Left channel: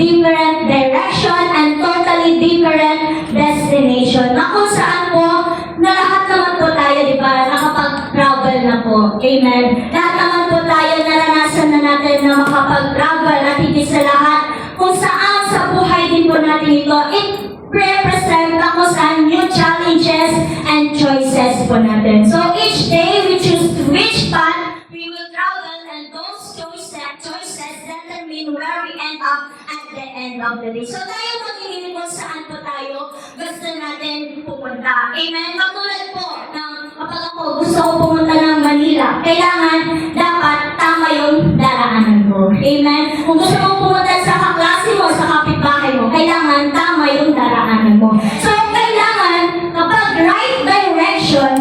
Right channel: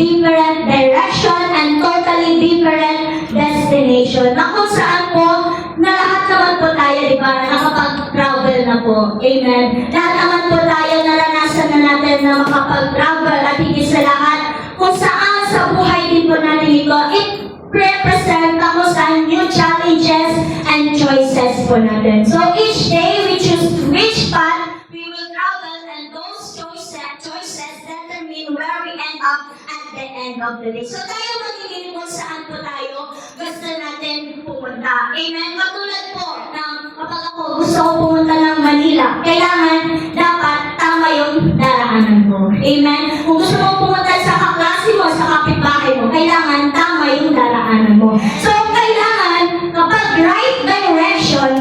different direction and totally different destination. Na kung saan po, na lahat naman po tayo, di ba, nakapag-travel na po. Amen. Lahat naman po tayo, naranasan na natin na makapag-travel at higit sa lahat, kung saan sa buhay din po natin ito, it represent kung saan new challenges and choices po natin. So each day, we choose which path we will travel, and those choices determine where we end up at the end of the day. So tayo magiging kung saan po tayo gusto natin pupunta. Amen? Katulad po ng kapag ako gusto ko pumunta ng Manila, kailangan dapat tama yung daraanan mo. Amen? Kung gusto mo pumunta sa kaklase mo, sa kapitbahay mo, kailangan tama yung daraanan mo. So kailangan kapag right direction,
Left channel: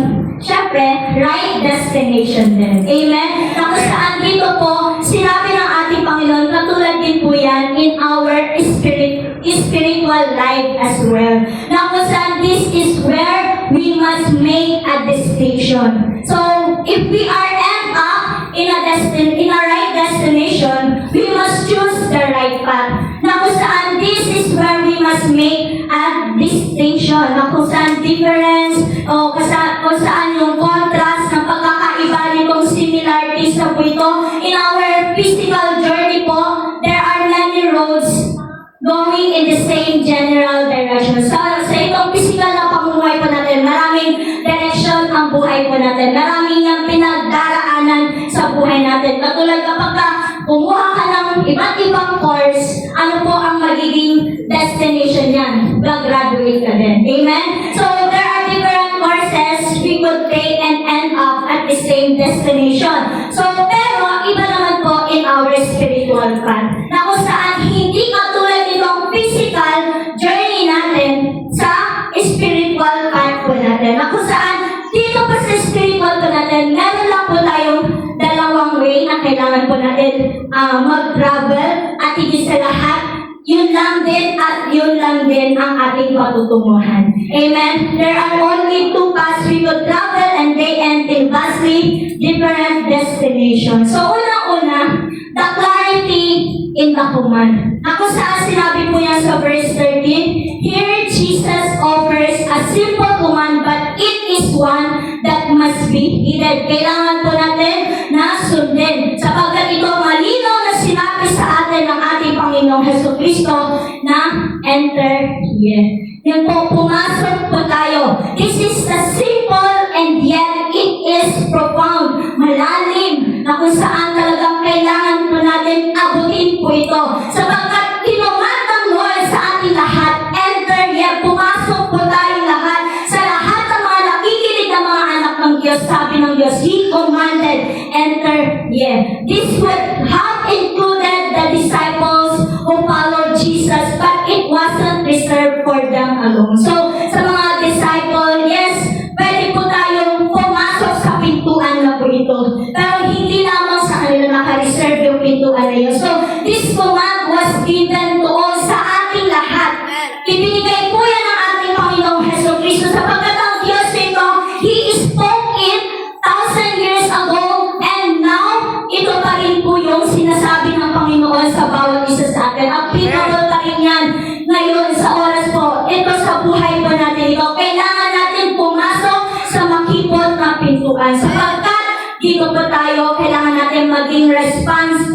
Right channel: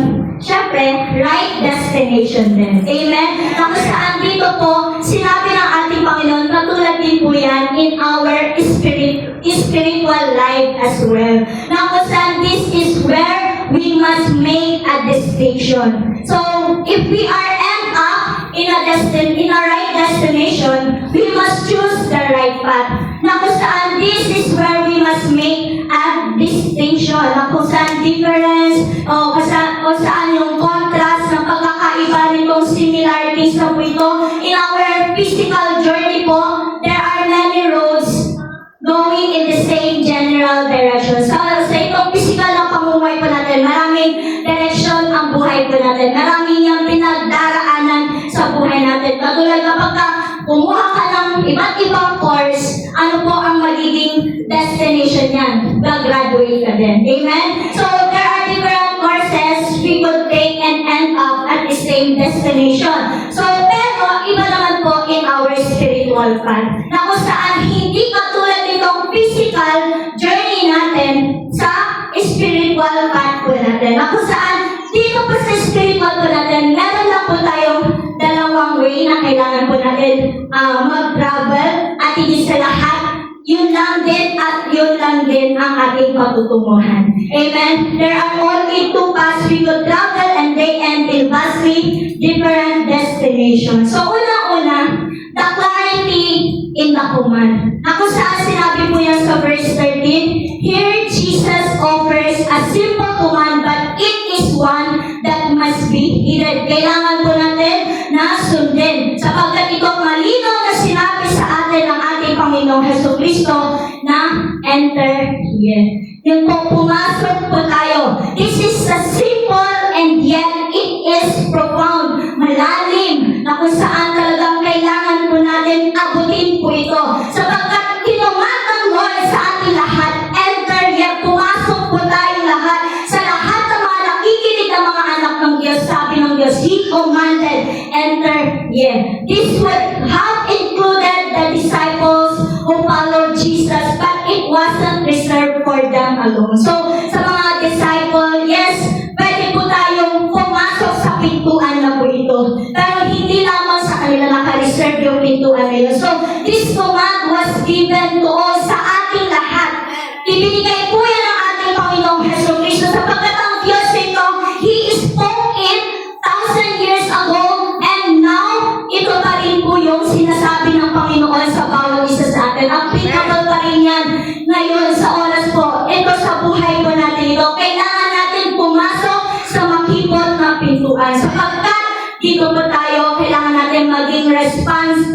syempre, right destination din. Amen? Tapos saan dito po, sinabi ng ating Panginoon, katulad din po yan in our spiritual life as well. Na kung saan this is where we must make a distinction. So, if we are end up in a right destination, we must choose the right path. Na kung saan this is where we must make a distinction. Na kung saan difference, o kung saan yung contrast ng pagkakaiba nitong similarities na po ito. In our physical journey po, there are many roads going in the same general direction. Sa itong physical na pamumuhay po natin, maraming direction ang buhay po natin. Maraming yung pinagdaraanan sa buhay natin. Katulad kapag kumuha ka ng iba't ibang course, ano po ang magiging destination yan? Graduate ka din. Amen? So, there are different courses we could take and end up at the same destination. So, pero, iba naman po in our spiritual path. Na kung saan hindi katulad itong physical journey natin sa spiritual path po natin. Na kung saan dito pa sa spiritual po natin, meron lang po tayong dalawang way na kailangan po natin mag-travel at higit sa lahat, yun lang din at yun lang din ang ating patutunguhan. Amen? There are only two paths we could travel and they end in vastly different destinations. So, una-una, the clarity in the command. Ako saan sinabi po yan sa verse 13, here Jesus offers a simple command but it is one that must be heeded. Kailangan po natin na sundin. Sapagkat ito malinaw na sinabi sa atin ng ating Panginoong Jesucristo na enter here. Yun po, pumasok po tayo. This is a simple and yet it is profound, malalim, na kung saan talagang kailangan po natin abutin po ito. Sapagkat kinuman ng Lord sa ating lahat, enter here, pumasok po tayo lahat. Sa lahat ng mga nakikinig ng mga anak ng Diyos, sabi ng Diyos, He commanded, enter here. This would have included the disciples who followed Jesus, but it wasn't reserved for them alone. So, sa mga disciple, yes, pwede po tayong pumasok sa pintuan na po ito. Pero hindi lamang sa kanila naka-reserve yung pintuan na yun. So, this command was given to all sa ating lahat. Ibinigay po yan ng ating Panginoong Jesucristo sapagkat ang Diyos nito, He spoke it 1,000 years ago and now, ito pa rin po yung sinasabi ng Panginoon sa bawat isa sa atin. Ang pinatuloy pa rin yan ngayon sa oras po. Ito sa buhay po natin ito. Kailangan natin pumasok sa makipot na pintuan. Sapagkat dito po tayo, kailangan natin maging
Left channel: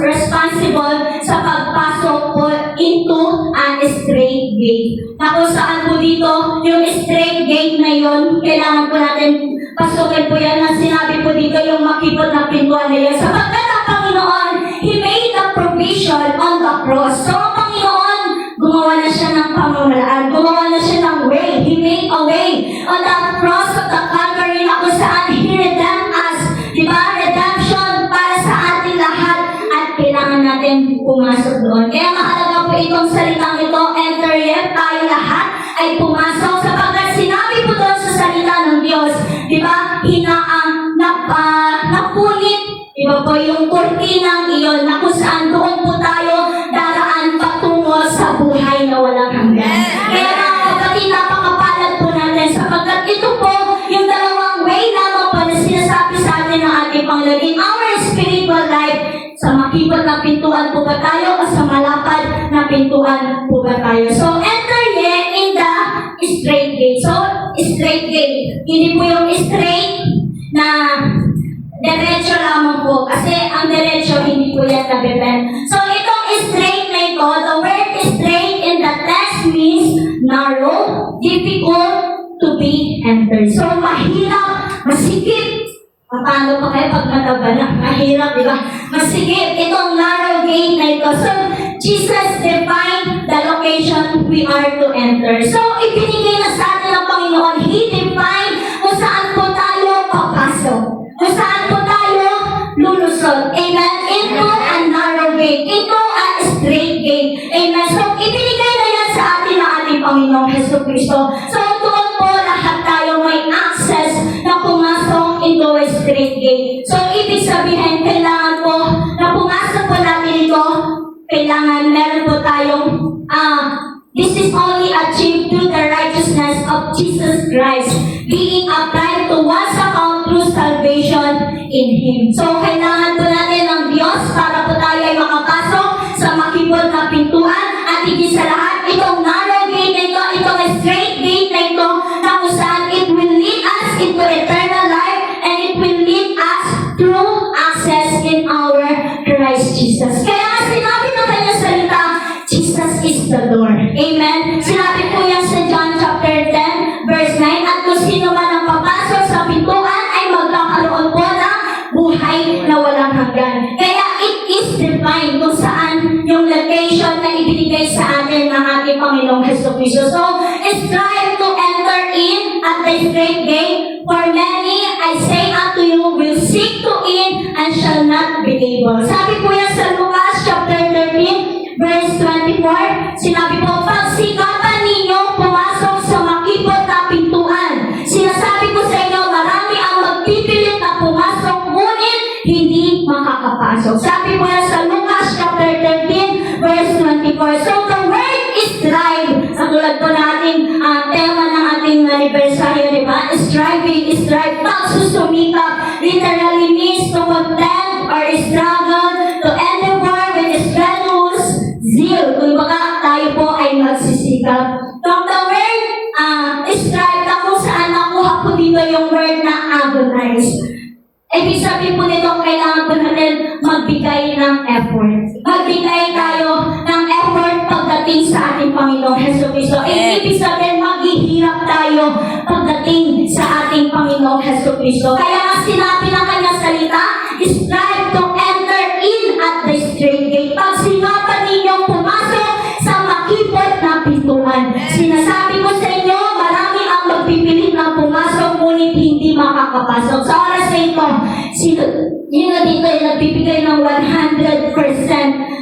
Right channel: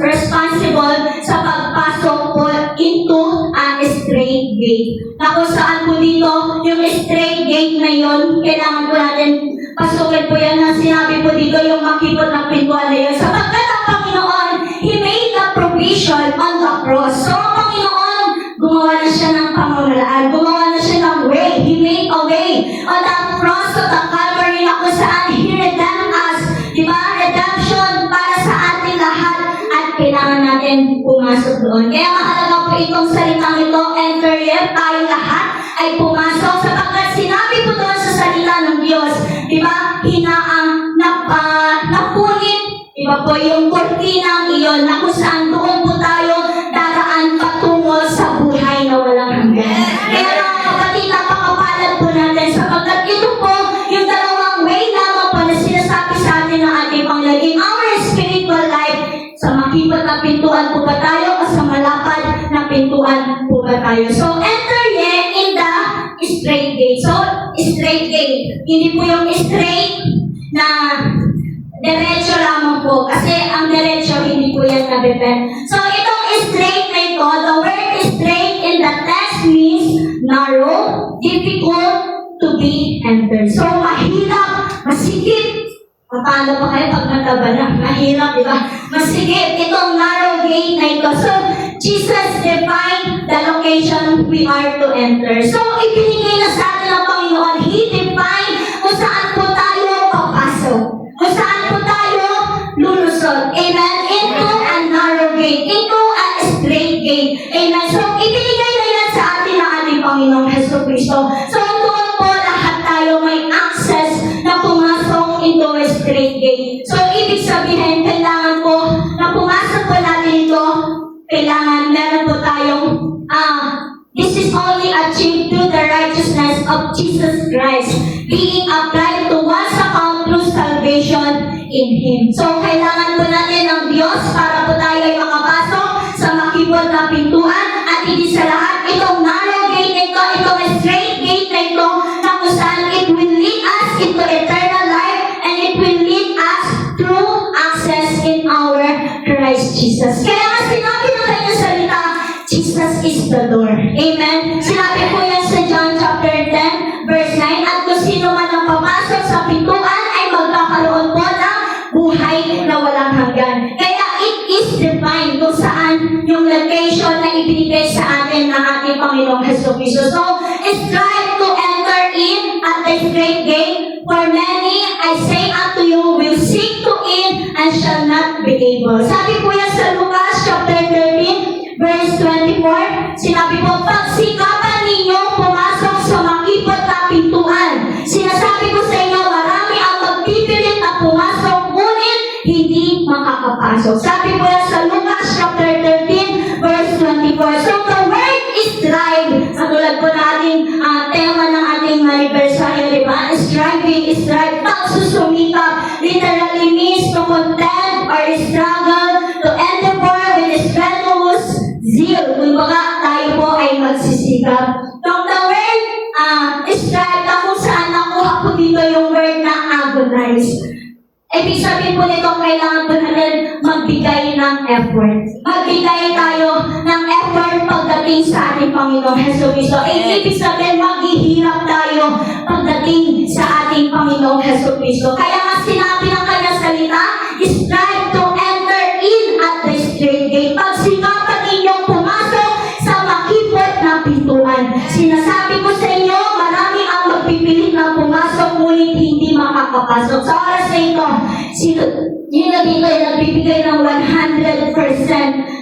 responsible sa pagpasok po into a straight gate. Na kung saan po dito, yung straight gate na yun, kailangan po natin pasukin po yan na sinabi po dito yung makipot na pintuan na yun. Sapagkat ang Panginoon, He made the provision on the cross. So ang Panginoon, gumawa na siya ng pamamaraan, gumawa na siya ng way. He made a way on the cross of the Calvary na kung saan He redeemed us. Diba? Redemption para sa ating lahat at kailangan natin pumasok doon. Kaya mahalaga po itong salitang ito, enter here, tayo lahat ay pumasok sapagkat sinabi po doon sa salita ng Diyos. Diba? Napunit. Diba po yung kurtinang iyon na kung saan doon po tayo daraan patungo sa buhay na walang hanggan. Kaya mga kapatid, napakapalad po natin sapagkat ito po yung dalawang way lamang po na sinasabi sa atin ng ating Panginoon. In our spiritual life, sa makipot na pintuan po ba tayo o sa malapad na pintuan repent. So itong straight na ito, the word straight in the text means narrow, difficult to be entered. So mahirap, masikip. Paano pa kayo pag nataba na? Mahirap, di ba? Masikip itong narrow gate na ito. So Jesus defined the location we are to enter. So ibinigay na sa atin ng Panginoon. He defined kung saan po tayo papasok. Kung saan po tayo lulusot. Amen? Into a narrow gate. Into a straight gate. Amen? So ibinigay na yan sa atin ng ating Panginoong Jesucristo. So doon po lahat tayo may access na pumasok into a straight gate. So ibig sabihin, kailangan po na pumasok po natin ito. Kailangan meron po tayong this is only achieved through the righteousness of Jesus Christ being applied to one's account through salvation in Him. So kailangan po natin ng Diyos para po tayo ay makapasok sa makibot na pintuan at higit sa lahat itong narrow gate na ito, itong straight gate na ito na kung saan it will lead us into eternal life and it will lead us through access in our Christ Jesus. Kaya nga sinabi ng kanyang salita, Jesus is the door. Amen? Sinabi po yan sa John chapter 10, verse 9, at kung sino man ang papasok sa pintuan ay magkakaroon po ng buhay na walang hanggan. Kaya it is defined kung saan yung location na ibinigay sa atin ng ating Panginoong Jesucristo. So, strive to enter in at the straight gate, for many, I say unto you, will seek to in and shall not be able. Sabi po yan sa Lucas chapter 13, verse 24, sinabi po, pagsikapan ninyo pumasok sa makipot na pintuan. Sinasabi ko sa inyo, marami ang magpipilit na pumasok, ngunit hindi makakapasok. Sabi po yan sa Lucas chapter 13, verse 24. So the word is strive. Sa tulad po natin, tema ng ating anniversary, di ba? Striving, strive, pagsusumikap, literally means to contend or struggle, to endeavor with strenuous zeal. Kung baka tayo po ay magsisikap. From the word strive, na kung saan nakuha po dito yung word na agonize. Ibig sabihin po nito, kailangan po natin magbigay ng effort. Magbigay tayo ng effort pagdating sa ating Panginoong Jesucristo. Ibig sabihin, maghihirap tayo pagdating sa ating Panginoong Jesucristo. Kaya nga sinabi ng kanyang salita, strive to enter in at the straight gate. Pagsikapan ninyong pumasok sa makipot na pintuan. Sinasabi ko sa inyo, marami ang magpipilit na pumasok, ngunit hindi makakapasok. Sa oras na ito, yun na dito ay nagbibigay ng 100%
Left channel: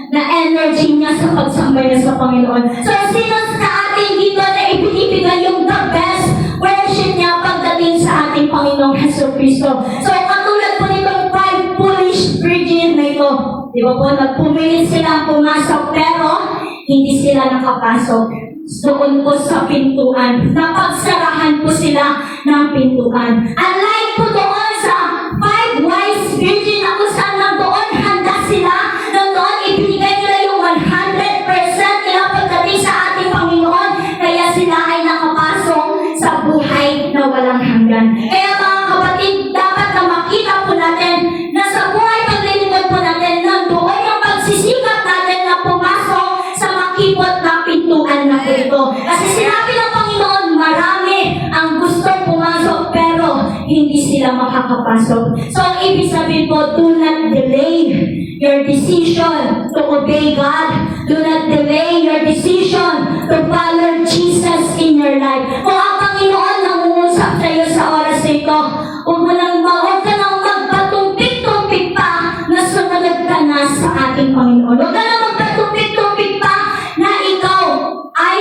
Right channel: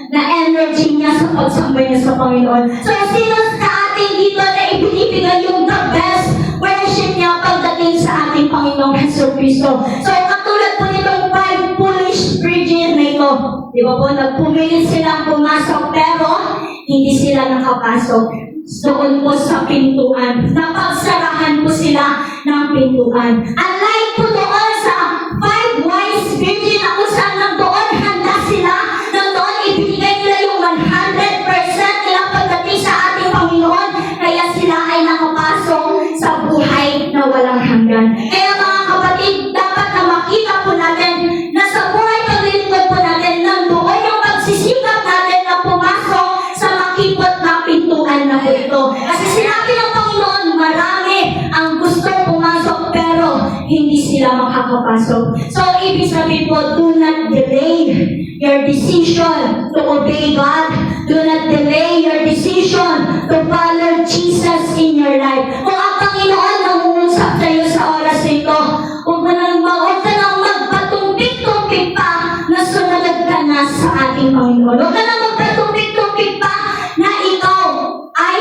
na energy niya sa pagsambay niya sa Panginoon. So, sino sa ating dito na ibinibigay yung the best worship niya pagdating sa ating Panginoong Jesucristo. So, katulad po nitong 5 foolish virgin na ito, di ba po, nagpumilit silang pumasok, pero hindi sila nakapasok. Doon po sa pintuan. Napagsarahan po sila ng pintuan. Unlike po doon sa 5 wise virgin na kung saan nandoon handa sila, nandoon ibinigay nila yung 100% nila pagdating sa ating Panginoon, kaya sila ay nakapasok sa buhay na walang hanggan. Kaya mga kapatid, dapat na makita po natin na sa buhay paglilingkod po natin, nandoon yung pagsisikap natin na pumasok sa makipot na pintuan na ito. Kasi sinabi ng Panginoon, marami ang gustong pumasok pero hindi sila makakapasok. So, ibig sabihin po, do not delay your decision to obey God. Do not delay your decision to follow Jesus in your life. Kung ang Panginoon nangungusap sa iyo sa oras na ito, huwag ka nang magpatumpik-tumpik pa na sumunod ka na sa ating Panginoon. Huwag ka nang magpatumpik-tumpik pa na ikaw ay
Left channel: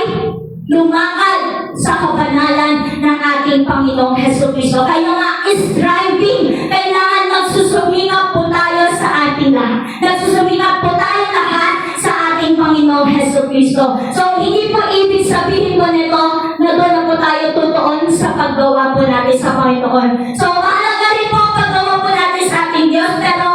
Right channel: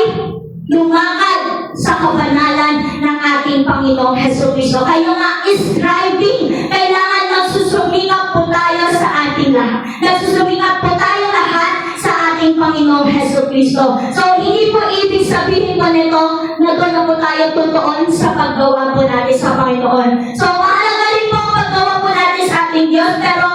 lumakad sa kabanalan ng ating Panginoong Jesucristo. Kaya nga, striving, kailangan nagsusumikap po tayo sa ating lahat. Nagsusumikap po tayo lahat sa ating Panginoong Jesucristo. So, hindi po ibig sabihin ko nito na doon na po tayo tutuon sa paggawa po natin sa Panginoon. So, mahalaga rin po ang paggawa po natin sa ating Diyos, pero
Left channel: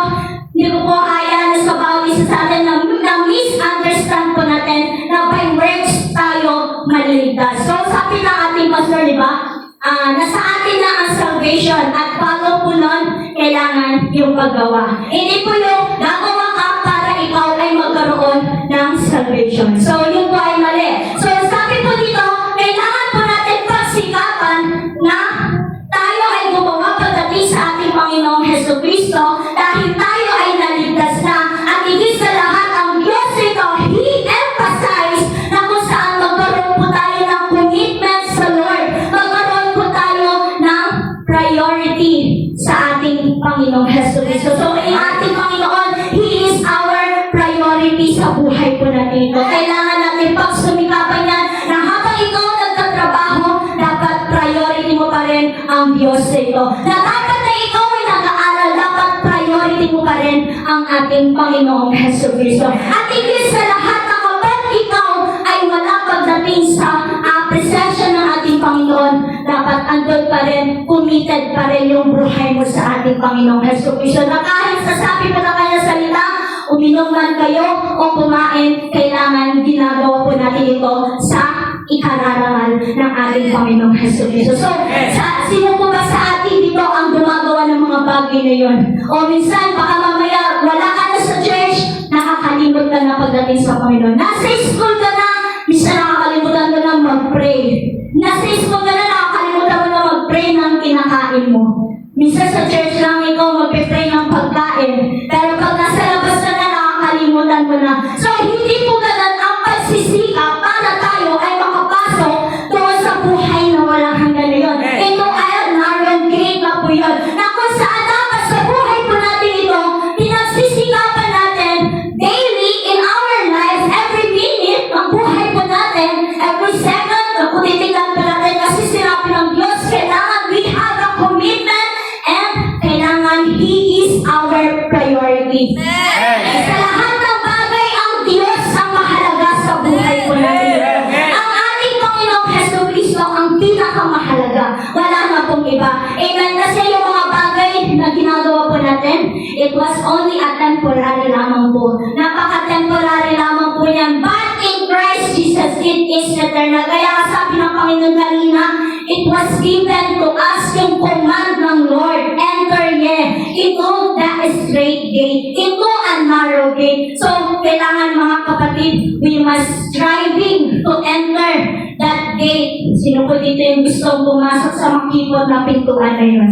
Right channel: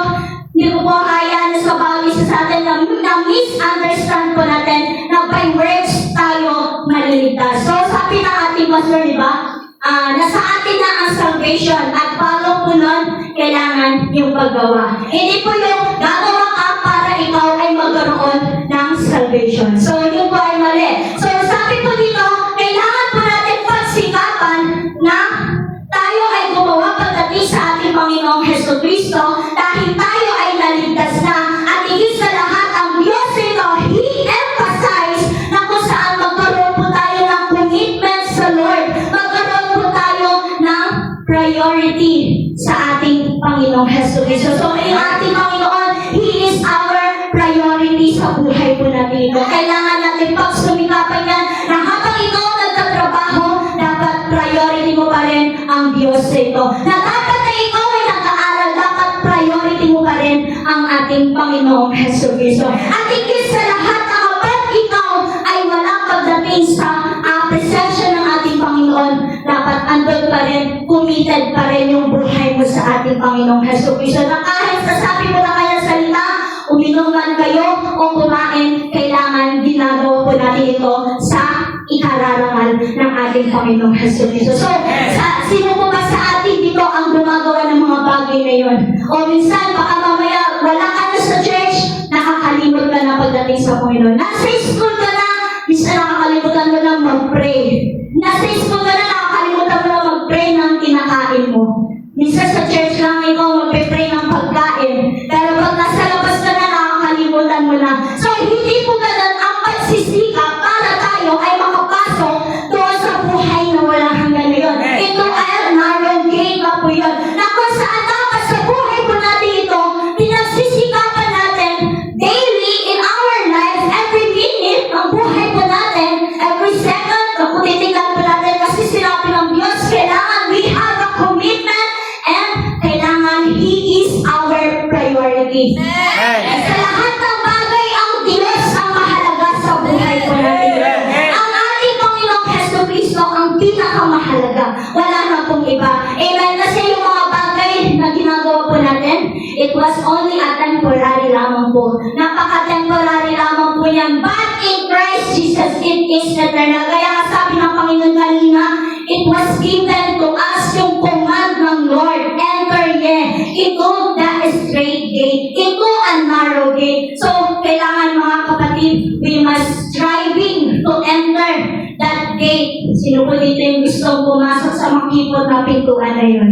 hindi ko po kaya na sa bawat isa sa atin na misunderstand po natin na by works tayo maliligtas. So, sabi ng ating pastor, di ba? Nasa atin na ang salvation at follow po nun, kailangan yung paggawa. Hindi po yung gagawa ka para ikaw ay magkaroon ng salvation. So, yun po ay mali. So, sabi po dito, kailangan po natin pagsikapan na tayo ay gumawa pagdating sa ating Panginoong Jesucristo dahil tayo ay naligtas na at higit sa lahat ang Diyos ito, He emphasized na kung saan magkaroon po tayo ng commitment sa Lord, magkaroon po tayo ng priority sa ating Panginoong Jesucristo. So, ang ating Panginoon, He is our priority sa buhay po natin ito. Kailangan natin pagsumikapan yan na habang ikaw nagtatrabaho, dapat priority mo pa rin ang Diyos ito. Na dapat na ikaw ay nag-aaral, dapat priority mo pa rin ang ating Panginoong Jesucristo. At higit sa lahat na kapag ikaw ay wala pagdating sa presensya ng ating Panginoon, dapat andun pa rin, committed pa rin yung buhay mo sa ating Panginoong Jesucristo. Na kahit sasabi mo na kanya salita, uminom man kayo o kumain, kailangan ginagawa po natin ito sa ikararangal ng ating Panginoong Jesucristo. So, sino po ba sa atin dito ang gumagawa ng mga bagay na yun? O minsan, baka mamaya, wala ka na sa church, nakakalimot ka na pagdating sa Panginoon. Nasa school ka na, minsan nakakalimutan mo na mag-pray. Nasa school ka na, nakakalimutan mo na mag-pray ng kinakain mo. Minsan sa church lang ikaw mag-pray ng pagkain. Pero pag nasa labas ka na, nakakalimutan mo na. So, hindi po ganun ang pagsisikap para tayo ay makapasok doon sa buhay na walang hanggan na yun. Ito ay narrow gate na po yun. Na kung saan dapat sa buhay po natin ito, pinagsisikapan natin daily in our lives, every minute, ang buhay po natin, every second, kung titignan po natin kasi sinabi ng Diyos, kailangan we have a commitment and kailangan He is our priority. Sa lahat ng bagay, ang Diyos ang mahalaga sa buhay po natin. Ang ating Panginoong Jesucristo ang pinakamahalaga. Wala na pong iba. Amen. Kasi yung mga bagay na ginagawa po natin, it was only a temporary lamang po. Napaka-temporary lamang po yan. But in Christ Jesus, it is eternal. Kaya sabi ng Panginoon kanina, it was given to us yung command ng Lord. Enter ye into the straight gate, into a narrow gate. So, kailangan mga kapatid, we must striving to enter that gate. Sino po dito yung gusto pumasok sa makipot na pintuan na yun?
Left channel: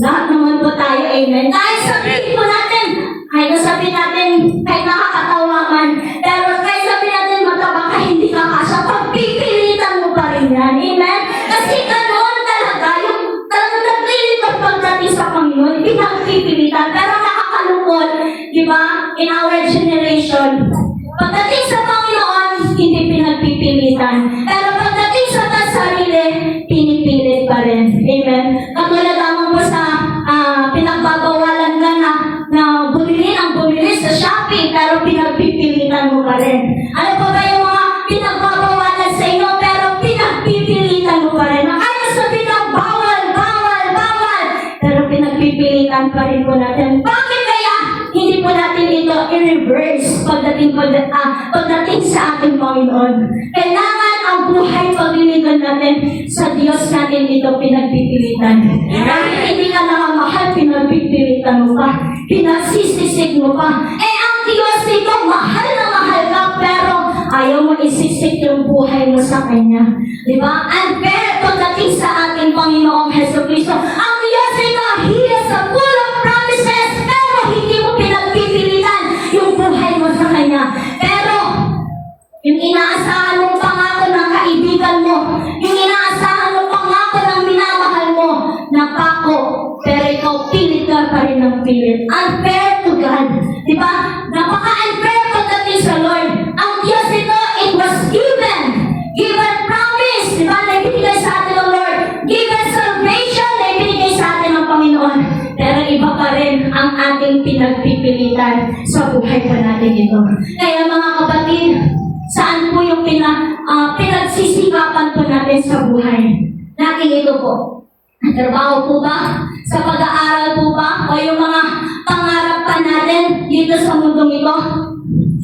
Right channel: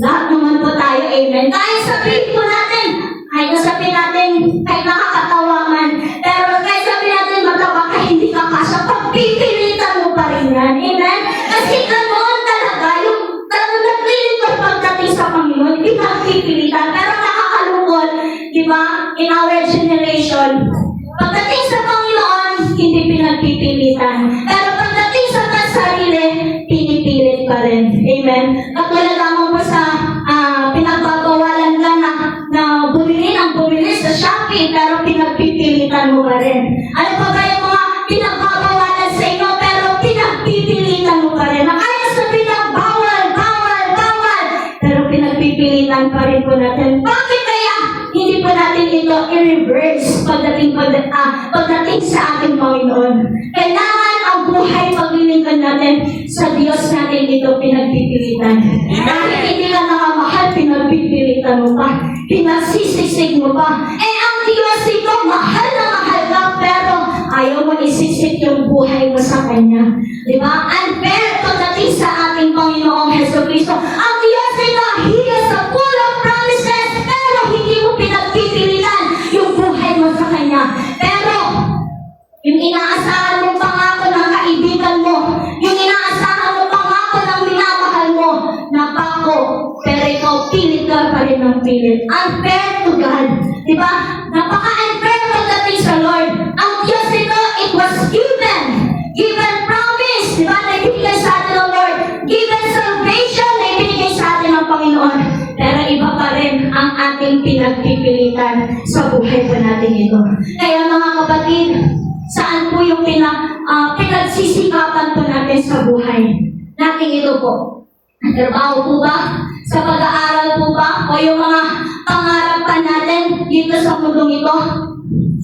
Lahat naman po tayo, amen. Kahit sabihin po natin, kahit sabihin natin, kahit nakakatawa man, pero kahit sabihin natin, mataba ka, hindi ka kasya, pagpipilitan mo pa rin yan, amen? Kasi ganoon talaga, yung talagang naglilipad pagdating sa Panginoon, pinagpipilitan, pero nakakalungkot, di ba, in our generation, pagdating sa Panginoon, hindi pinagpipilitan, pero pagdating sa sarili, pinipilit pa rin, amen? Katulad lamang po sa pinagbabawalan ka na bumili sa Shopee, pero pinagpipilitan mo pa rin. Ano pa ba yung mga pinagbabawalan sa inyo, pero pinagpipilitan mo pa rin? Na kaya sabihin na bawal, pero pinagpipilitan pa rin po natin. Bakit kaya hindi po natin ito i-reverse pagdating sa ating Panginoon? Kailangan ang buhay paglilingkod natin sa Diyos natin ito pinagpipilitan. Dahil hindi ka nakamahal, pinagpipilitan mo pa, pinagsisisig mo pa. Ang Diyos ito, mahal na mahal ka, pero ayaw mo isisig yung buhay mo sa Kanya. Di ba? Unfair pagdating sa ating Panginoong Jesucristo. Ang Diyos ito, He is a full of promises, pero hindi mo pinagpipilitan yung buhay mo sa Kanya. Pero, yung inaasahan mong pangako ng kaibigan mo, yung inaasahan mong pangako ng minamahal mo, napako, pero ikaw pilit ka pa rin ng pilit. Unfair to God. Diba? Napaka-unfair pagdating sa Lord. Ang Diyos ito, it was given promise. Diba? Naibigay sa atin ng Lord. Given salvation, naibigay sa atin ng Panginoon. Pero iba pa rin ang ating pinagpipilitan sa buhay pa natin ito. Kaya mga kapatid, saan po yung pinagsisikapan po natin sa buhay natin ito po? Trabaho po ba? Sa pag-aaral po ba? O yung mga pangarap pa natin dito sa mundong ito?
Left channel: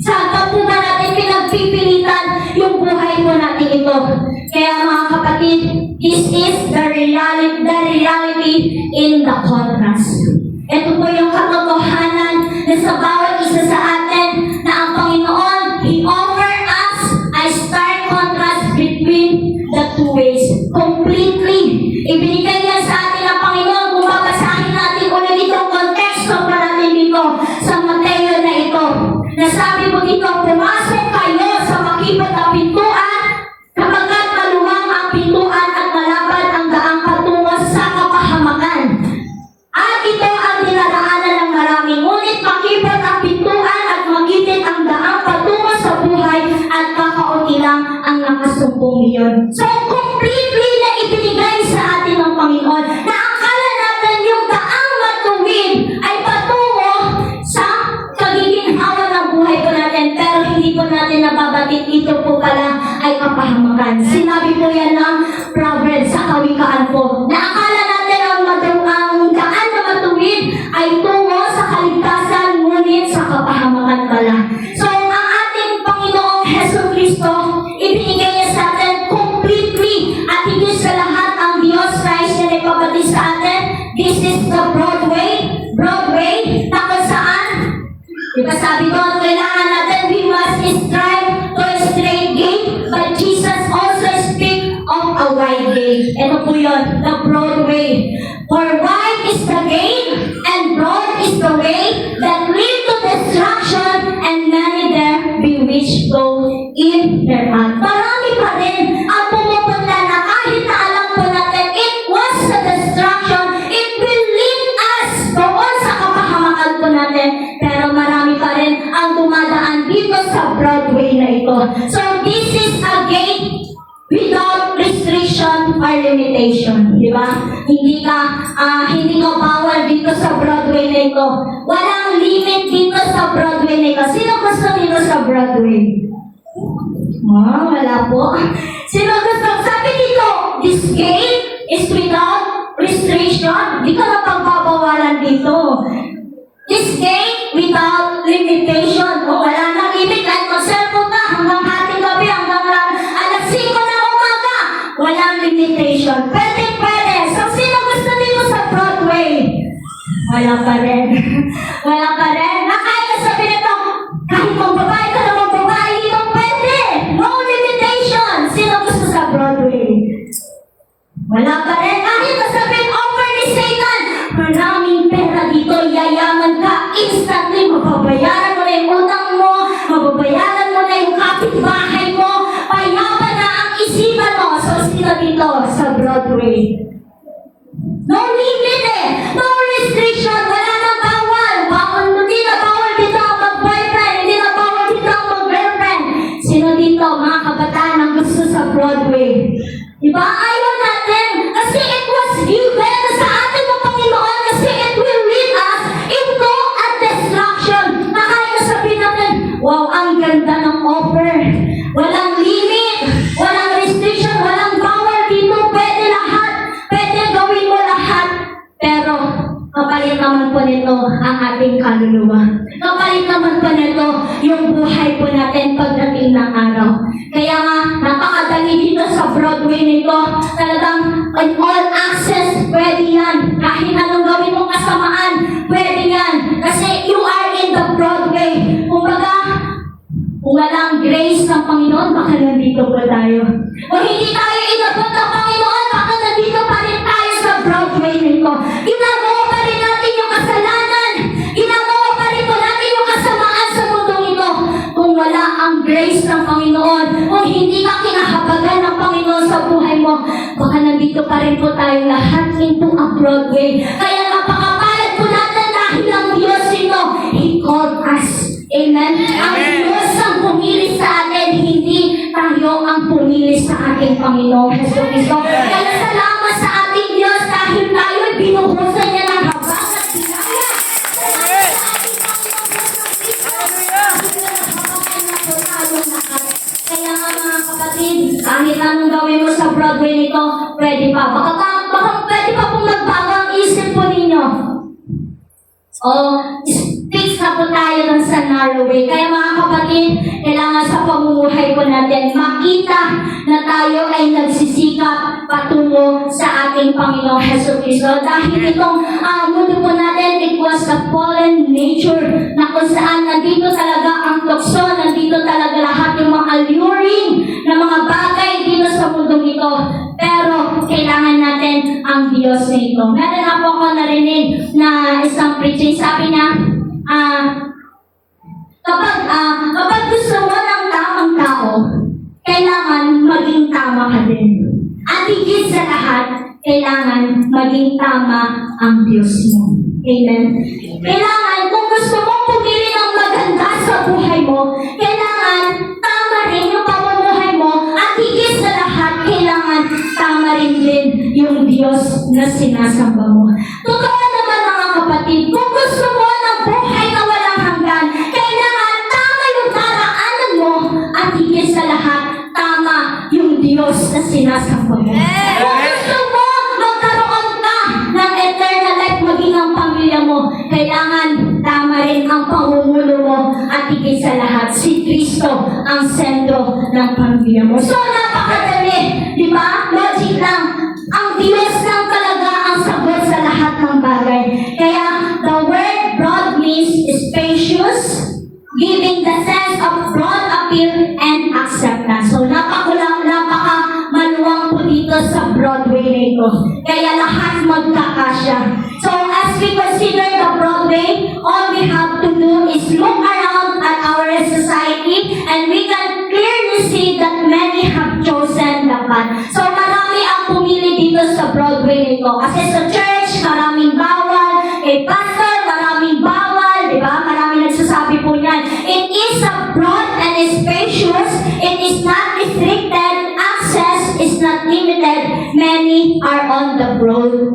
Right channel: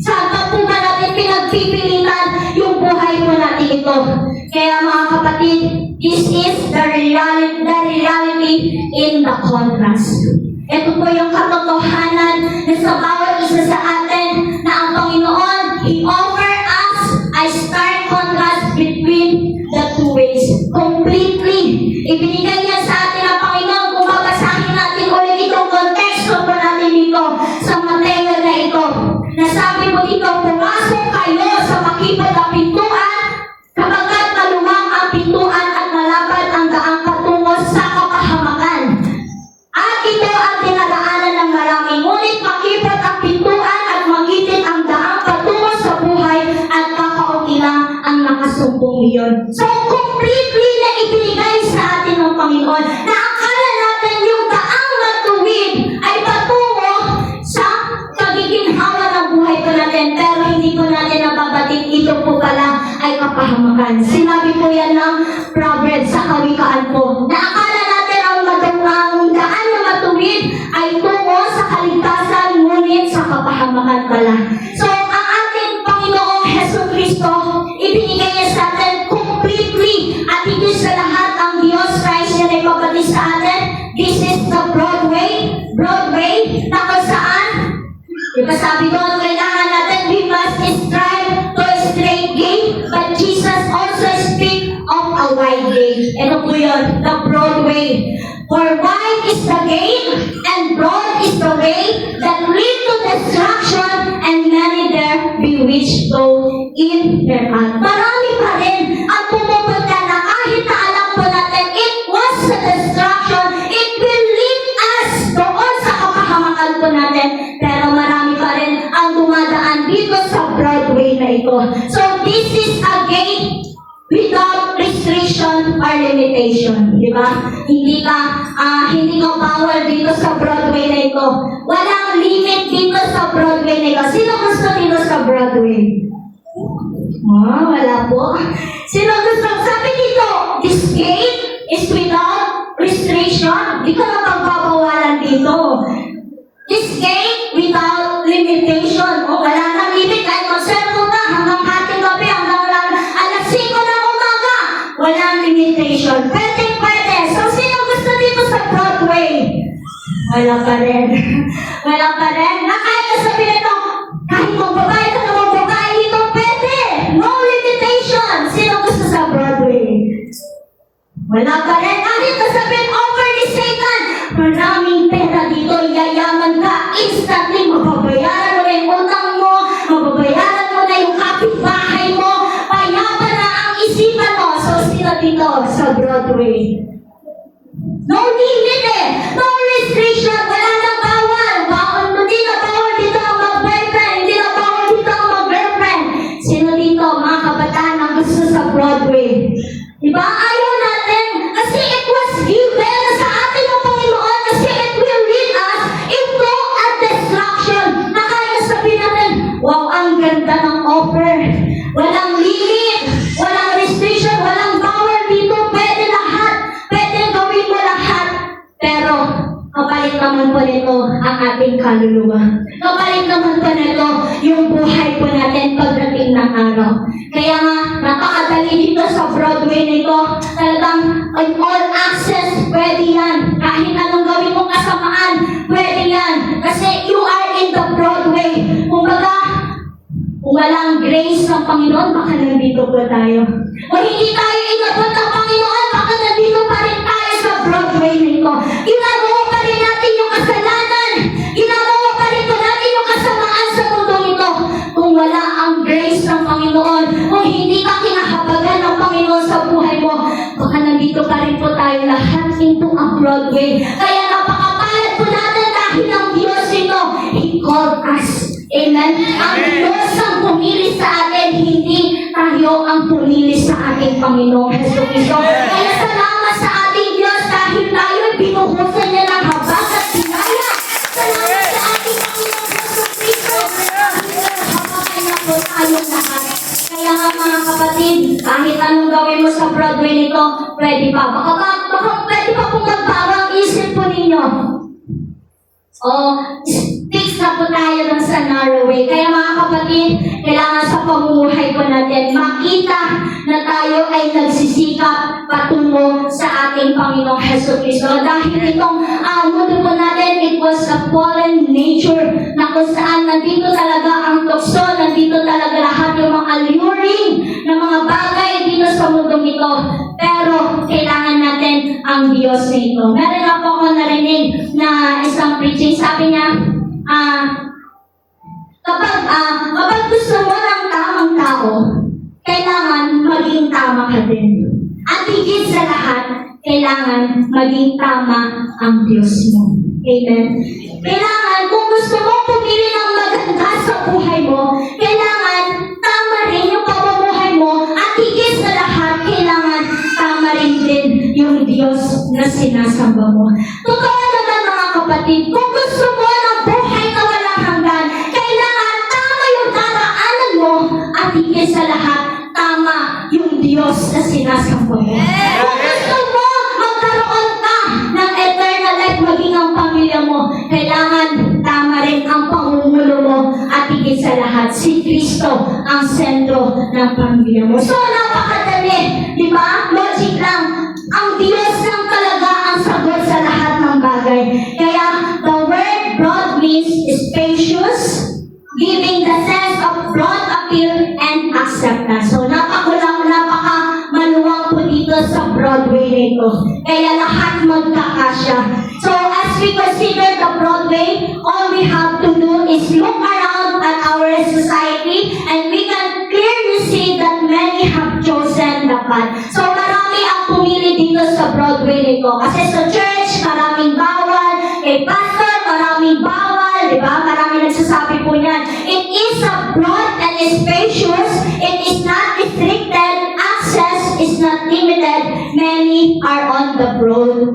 Saan pa po ba natin pinagpipilitan yung buhay po natin ito? Kaya mga kapatid, this is the reality in the contrast. Ito po yung katotohanan na sa bawat isa sa atin sabi mo dito, pumasok kayo sa makipot na pintuan, kapagkat maluwang ang pintuan at malapad ang daang patungo sa kapahamakan. At ito ang dinadaanan ng marami, ngunit makipot ang pintuan at magitit ang daang patungo sa buhay at kakaunti lang ang nakasumpong iyon. So, completely na ibinigay sa atin ng Panginoon na akala natin yung daang matuwid ay patungo sa pagiging hawa ng buhay po natin, pero hindi po natin nababatid ito po pala ay kapahamakan. Sinabi po yan ng Proverbs sa kawikaan po, na akala natin ang daan na matuwid ay tungo sa kaligtasan, ngunit sa kapahamakan pala. So, ang ating Panginoong Jesucristo, ibinigay niya sa atin completely at hindi sa lahat ang Diyos Christ niya na ipapatid sa atin. This is the Broadway, na kung saan, diba sabi ko, kailangan natin, we must strive to a straight gate, but Jesus also speak of a wide gate. Ito po yun, the Broadway. For wide is the gate, and broad is the way that lead to destruction, and many there be which go in their path. Marami pa rin ang pumupunta na kahit na alam po natin, it was the destruction, it will lead us doon sa kapahamakan po natin, pero marami pa rin ang dumadaan dito sa Broadway na ito. So this is a gate without restriction or limitation, di ba? Hindi ka bawal dito sa Broadway na ito. Walang limit dito sa Broadway na ito. Sino gusto dito sa Broadway? Wala po. Sino gusto? Sabi dito, this gate is without restriction. Di ka na pagbabawalan dito. This gate without limitation. Wala nang limit. Kahit mag-cellphone ka hanggang hating gabi, hanggang alas 5 ng umaga. Walang limitation. Pwede. So, sino gusto dito sa Broadway? Wala pa rin. Wala pa rin. Nakaya sabihin ito, kahit kung babae ka na magbabae dito, pwede. No limitation. Sino gusto sa Broadway? Wala pa rin. Kahit sabihin, offer ni Satan, maraming pera dito, yayaman ka, instantly mababayaran mo na yung utang mo, mababayaran mo na yung kapitbahay mo, payapa na ang isipan mo. So, sino dito sa Broadway? No limit no restriction, wala nang bawal. Hindi na bawal dito ang mag-boyfriend, hindi na bawal dito ang mag-girlfriend. Sino dito, mga kabataan ang gusto sa Broadway? Diba? Ayaw natin, kasi it was given sa atin ng Panginoon, kasi it will lead us into a destruction. Na kaya sabihin natin, wow, ang ganda ng offer. Walang limit, walang restriction, walang bawal dito, pwede lahat. Pwede gawin mo lahat. Pero, kapalit naman po nito ang ating kaluluwa. Kapalit naman po nito yung buhay po natin pagdating ng araw. Kaya nga, napakadali dito sa Broadway nito. Talagang all access, pwede yan. Kahit anong gawin mong kasamaan, pwede yan. Kasi you are in the Broadway. Kumbaga, kung walang grace ng Panginoon, baka nandito po tayo. Kung hindi tayo inabot ng Panginoon, baka nandito pa rin tayo sa Broadway nito. Ginagawa pa rin natin yung kasalanan. Ginagawa pa rin natin yung kasamaan sa mundo ito. Kung wala ang grace ng Panginoon, kung hindi ka kinahabagan ng Panginoon sa buhay mo, baka nandito pa rin po tayo lahat into a Broadway. Kaya napakapayat po natin dahil ang Diyos ito, He called us. Amen? Ang Diyos ang pumili sa atin, hindi tayo ang pumili sa ating Panginoong Jesucristo. Kaya salamat sa ating Diyos dahil tayo binuhusan niya ng habag at bigaya. Salamat sa ating Panginoong Jesucristo dahil nahabagan na po tayong lahat. Kaya nga mga kapatid, kahit anong gawin mo sa Broadway nito, pwede pa. Baka pwede pa kung magbago ang isip po ninyo. Fix na po tayo ng sa narrow way. Kaya mga kapatid, kailangan sa pamumuhay po natin makita na tayo ay nagsisikap patungo sa ating Panginoong Jesucristo. Dahil itong mundo po natin, it was a fallen nature na kung saan nandito talaga ang tukso, nandito talaga lahat yung mga alluring na mga bagay dito sa mundo ito. Pero kailangan natin ang Diyos nito. Meron na po ako narinig na isang preaching, sabi niya, kapag tama ang Diyos mo. Amen. Kailangan, kung gusto mong pumili ng maganda sa buhay mo, kailangan tama rin yung pamumuhay mo at higit sa lahat, kailangan tama rin din yung Diyos na sinasamba mo. Totoo naman mga kapatid, kung gusto mo ng buhay na walang hanggan, kailangan tama yung daraanan mo at higit sa lahat, tama yung Diyos na sinasamba mo. Kung gusto mo magkaroon ka ng eternal life, maging ang pamilya mo, kailangan tama rin ang pangumulo mo at higit sa lahat, si Kristo ang sentro ng pamilya mo. So, napakadali, di ba? Logic lang. Ang Diyos lang talaga ang sagot sa lahat ng bagay. Kaya, the word broad means spacious, giving the sense of broad appeal and acceptance. So, napaka-maluwang po dito sa Broadway na ito. Kaya lahat magkakasya. So, as we consider the Broadway, all we have to do is look around at our society and we can clearly see that many have chosen the path. So, marami ang pumili dito sa Broadway nito. Kasi sa church, maraming bawal. Kay pastor, maraming bawal. Diba? Maraming nagsasabi po niyan. It is a broad and spacious. It is not restricted. Access is not limited. Many are on the broad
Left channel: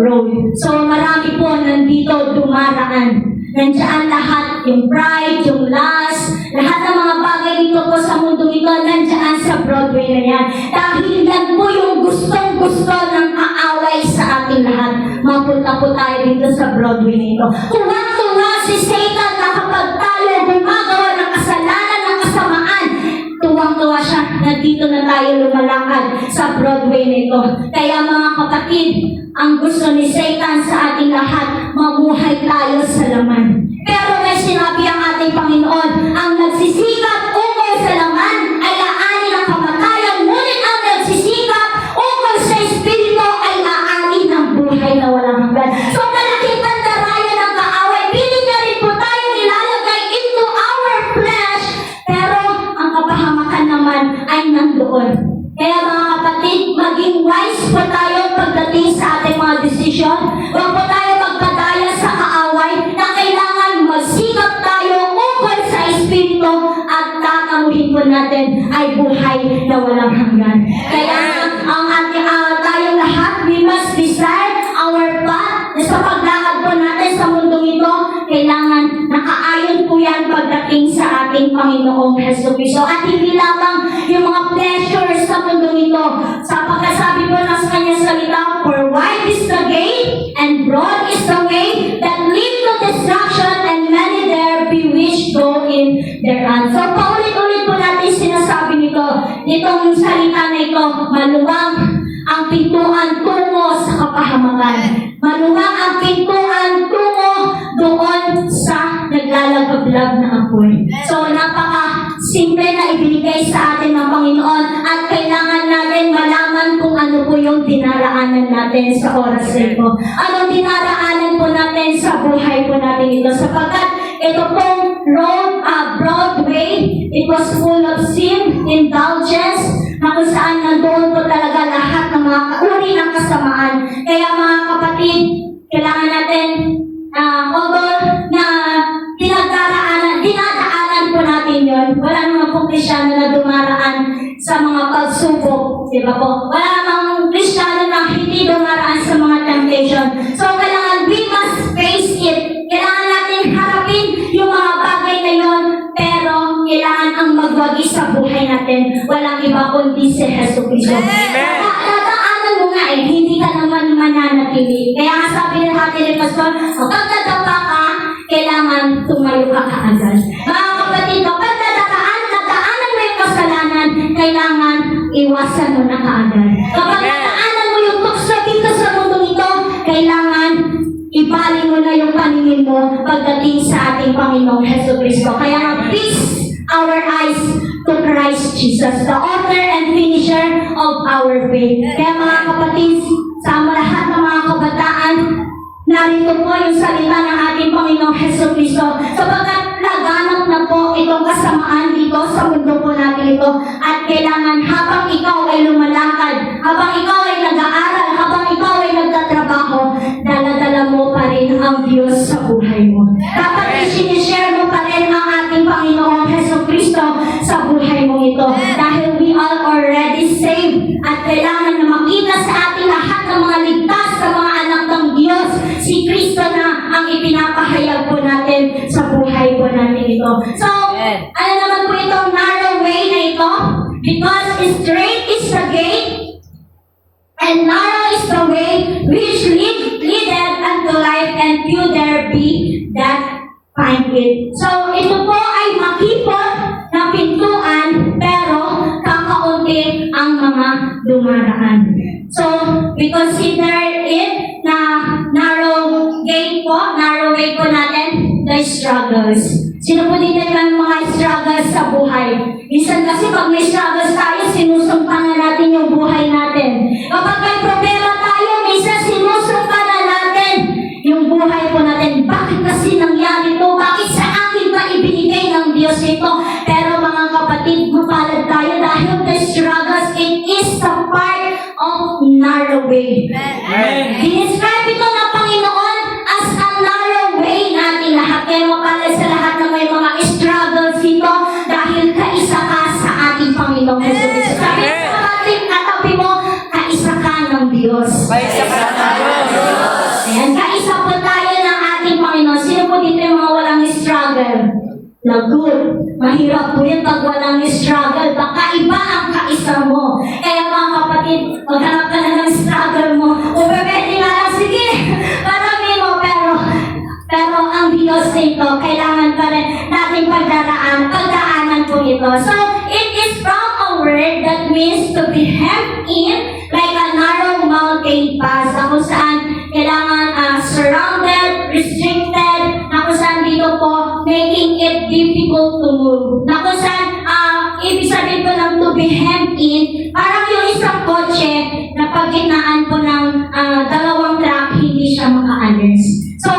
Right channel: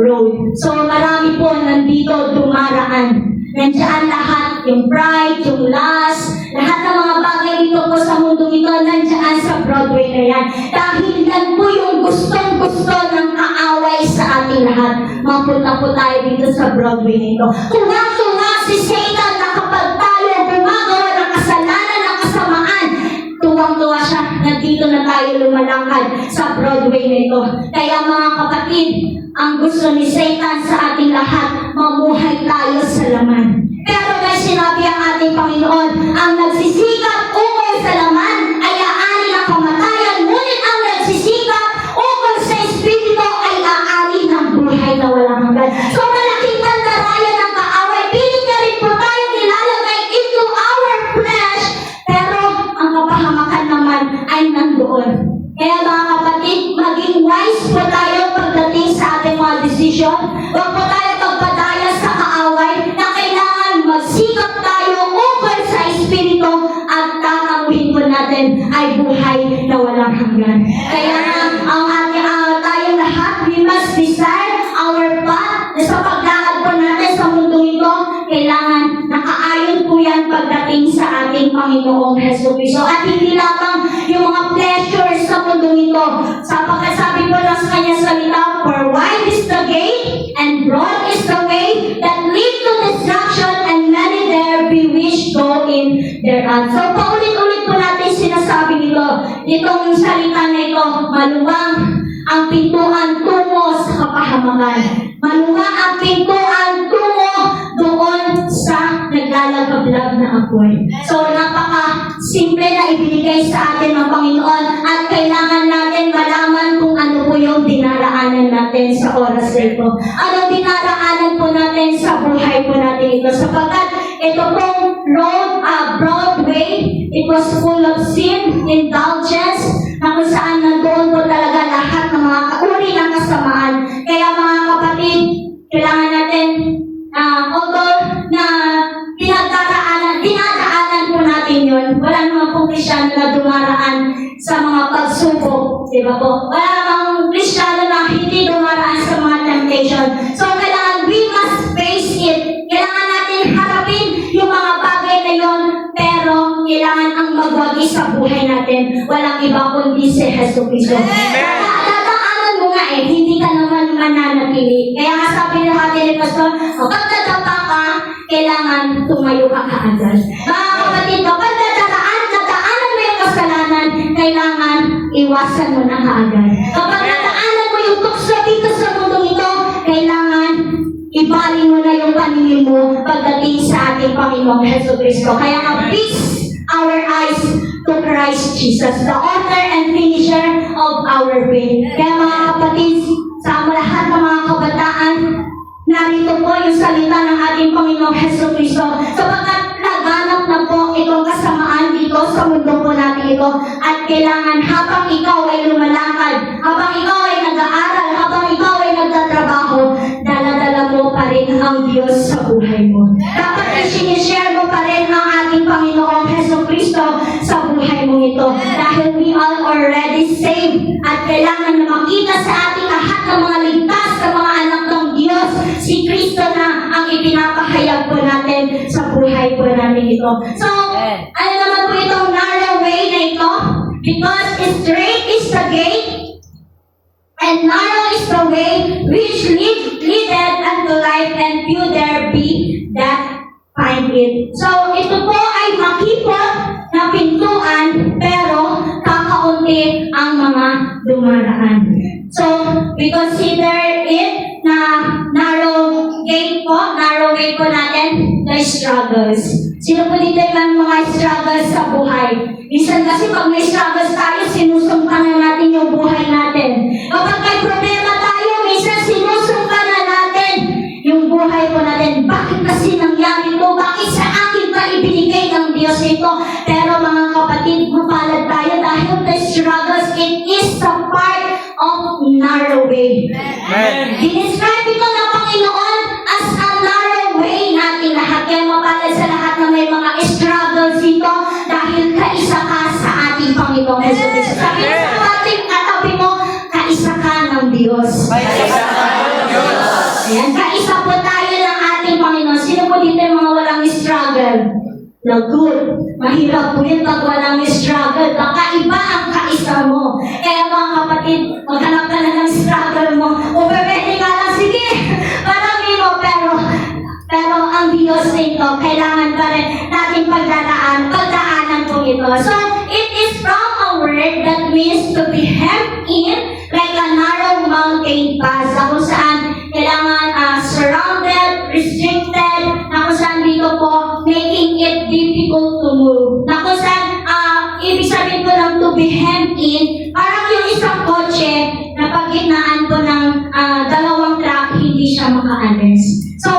road. So, marami po nandito dumaraan. Nandiyan lahat, yung pride, yung lust, lahat ng mga bagay dito po sa mundo ito, nandiyan sa Broadway na yan. Dahil yan po yung gustong-gusto ng kaaway sa ating lahat. Mapunta po tayo dito sa Broadway na ito. Tuwang-tuwa si Satan na kapag tayo gumagawa ng kasalanan ng kasamaan, tuwang-tuwa siya na dito na tayo lumalakad sa Broadway na ito. Kaya mga kapatid, ang gusto ni Satan sa ating lahat, mamuhay tayo sa laman. Pero may sinabi ang ating Panginoon, ang nagsisikap ukol sa laman ay aanin ang kamatayan, ngunit ang nagsisikap ukol sa Espiritu ay aanin ang buhay na walang hanggan. So malaking pandarayan ng kaaway, pilit na rin po tayong ilalagay into our flesh, pero ang kapahamakan naman ay nandoon. Kaya mga kapatid, maging wise po tayo pagdating sa ating mga desisyon. Huwag po tayo magpadaya sa kaaway na kailangan magsikap tayo ukol sa Espiritu at tatamuhin po natin ay buhay na walang hanggan. Kaya ang tayong lahat, we must decide our path na sa paglakad po natin sa mundong ito, kailangan nakaayon po yan pagdating sa ating Panginoong Jesucristo. At hindi lamang yung mga pleasures sa mundong ito. Sapagkat sabi po ng kanyang salita, for wide is the gate and broad is the way that lead to destruction and many there be which go in thereon. So paulit-ulit po natin sinasabi nito, itong salita na ito, maluwang ang pintuan tungo sa kapahamakan. Maluwang ang pintuan tungo doon sa naglalagablag na apoy. So napaka-simple na ibigay sa atin ng Panginoon at kailangan natin malaman kung ano po yung dinaraanan natin sa oras na ito. Ano dinaraanan po natin sa buhay po natin ito. Sapagkat ito pong Broadway, it was full of sin, indulgence, na kung saan nandoon po talaga lahat ng mga uri ng kasamaan. Kaya mga kapatid, kailangan natin, although na dinadaanan po natin yun, wala naman pong Kristyano na dumaraan sa mga pagsubok, di ba po? Wala namang Kristyano na hindi dumaraan sa mga temptation. So, kailangan we must face it. Kailangan natin harapin yung mga bagay na yun, pero kailangan ang magwagi sa buhay natin. Walang iba kundi si Jesucristo. Dadaanan mo nga hindi ka naman mananatili. Kaya nga sabi ng ating ni Pastor, kapag nadapa ka, kailangan tumayo ka kaagad. Mga kapatid, kapag nadaanan mo yung kasalanan, kailangan iwasan mo na kaagad. Kapag nadaanan mo yung tukso dito sa mundo ito, kailangan ibaling mo na yung paningin mo pagdating sa ating Panginoong Jesucristo. Kaya nga, fix our eyes to Christ Jesus, the author and finisher of our faith. Kaya mga kapatid, sa lahat ng mga kabataan, narito po yung salita ng ating Panginoong Jesucristo. Sapagkat laganap na po itong kasamaan dito sa mundo po natin ito. At kailangan habang ikaw ay lumalakad, habang ikaw ay nag-aaral, habang ikaw ay nagtatrabaho, Because straight is the gate, and narrow is the way which leadeth unto life, and few there be that find it. So, ito po ay makipot na pintuan, pero kakaunti ang mga dumaraan. So, we consider it na narrow gate po, narrow way po natin, the struggles. Sino po dito yung mga struggles sa buhay? Minsan kasi pag may struggles tayo, sinusumpan na natin yung buhay natin. Kapag may problema tayo, minsan sinusumpan na natin yung buhay po natin. Bakit kasi nangyari ito? Bakit sa akin ba ibinigay ng Diyos ito? Pero mga kapatid, mapalad tayo dahil the struggles, it is a part of narrow way. Dinescribe ito ng Panginoon as a narrow way natin lahat. Kaya mapalad sa lahat na may mga struggles dito dahil kaisa ka sa ating Panginoon Jesus. Sabi sa ating katabi mo, kaisa ka ng Diyos. Ayan, kaisa po tayo ng ating Panginoon. Sino po dito yung mga walang struggle? No, good. Mahirap po yun pag walang struggle. Baka iba ang kaisa mo. Kaya mga kapatid, maghanap ka na ng struggle mo. Kung pwede nga lang, sige, marami mo. Pero ang Diyos nito, kailangan pa rin natin pagdaanan po ito. So, it is from a word that means to be hemmed in like a narrow mountain pass. Na kung saan kailangan surrounded, restricted, na kung saan dito po, making it difficult to move. Na kung saan, ibig sabihin po ng to be hemmed in, parang yung isang kotse na pagginaan po ng dalawang truck, hindi siya makaalis. So,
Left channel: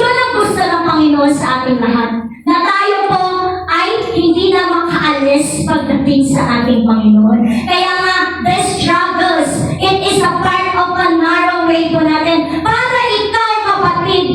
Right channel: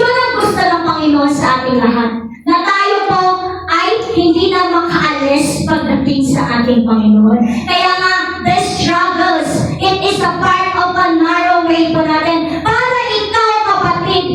yun ang gusto ng Panginoon sa ating lahat. Na tayo po ay hindi na makaalis pagdating sa ating Panginoon. Kaya nga, the struggles, it is a part of a narrow way po natin. Para ikaw, kapatid,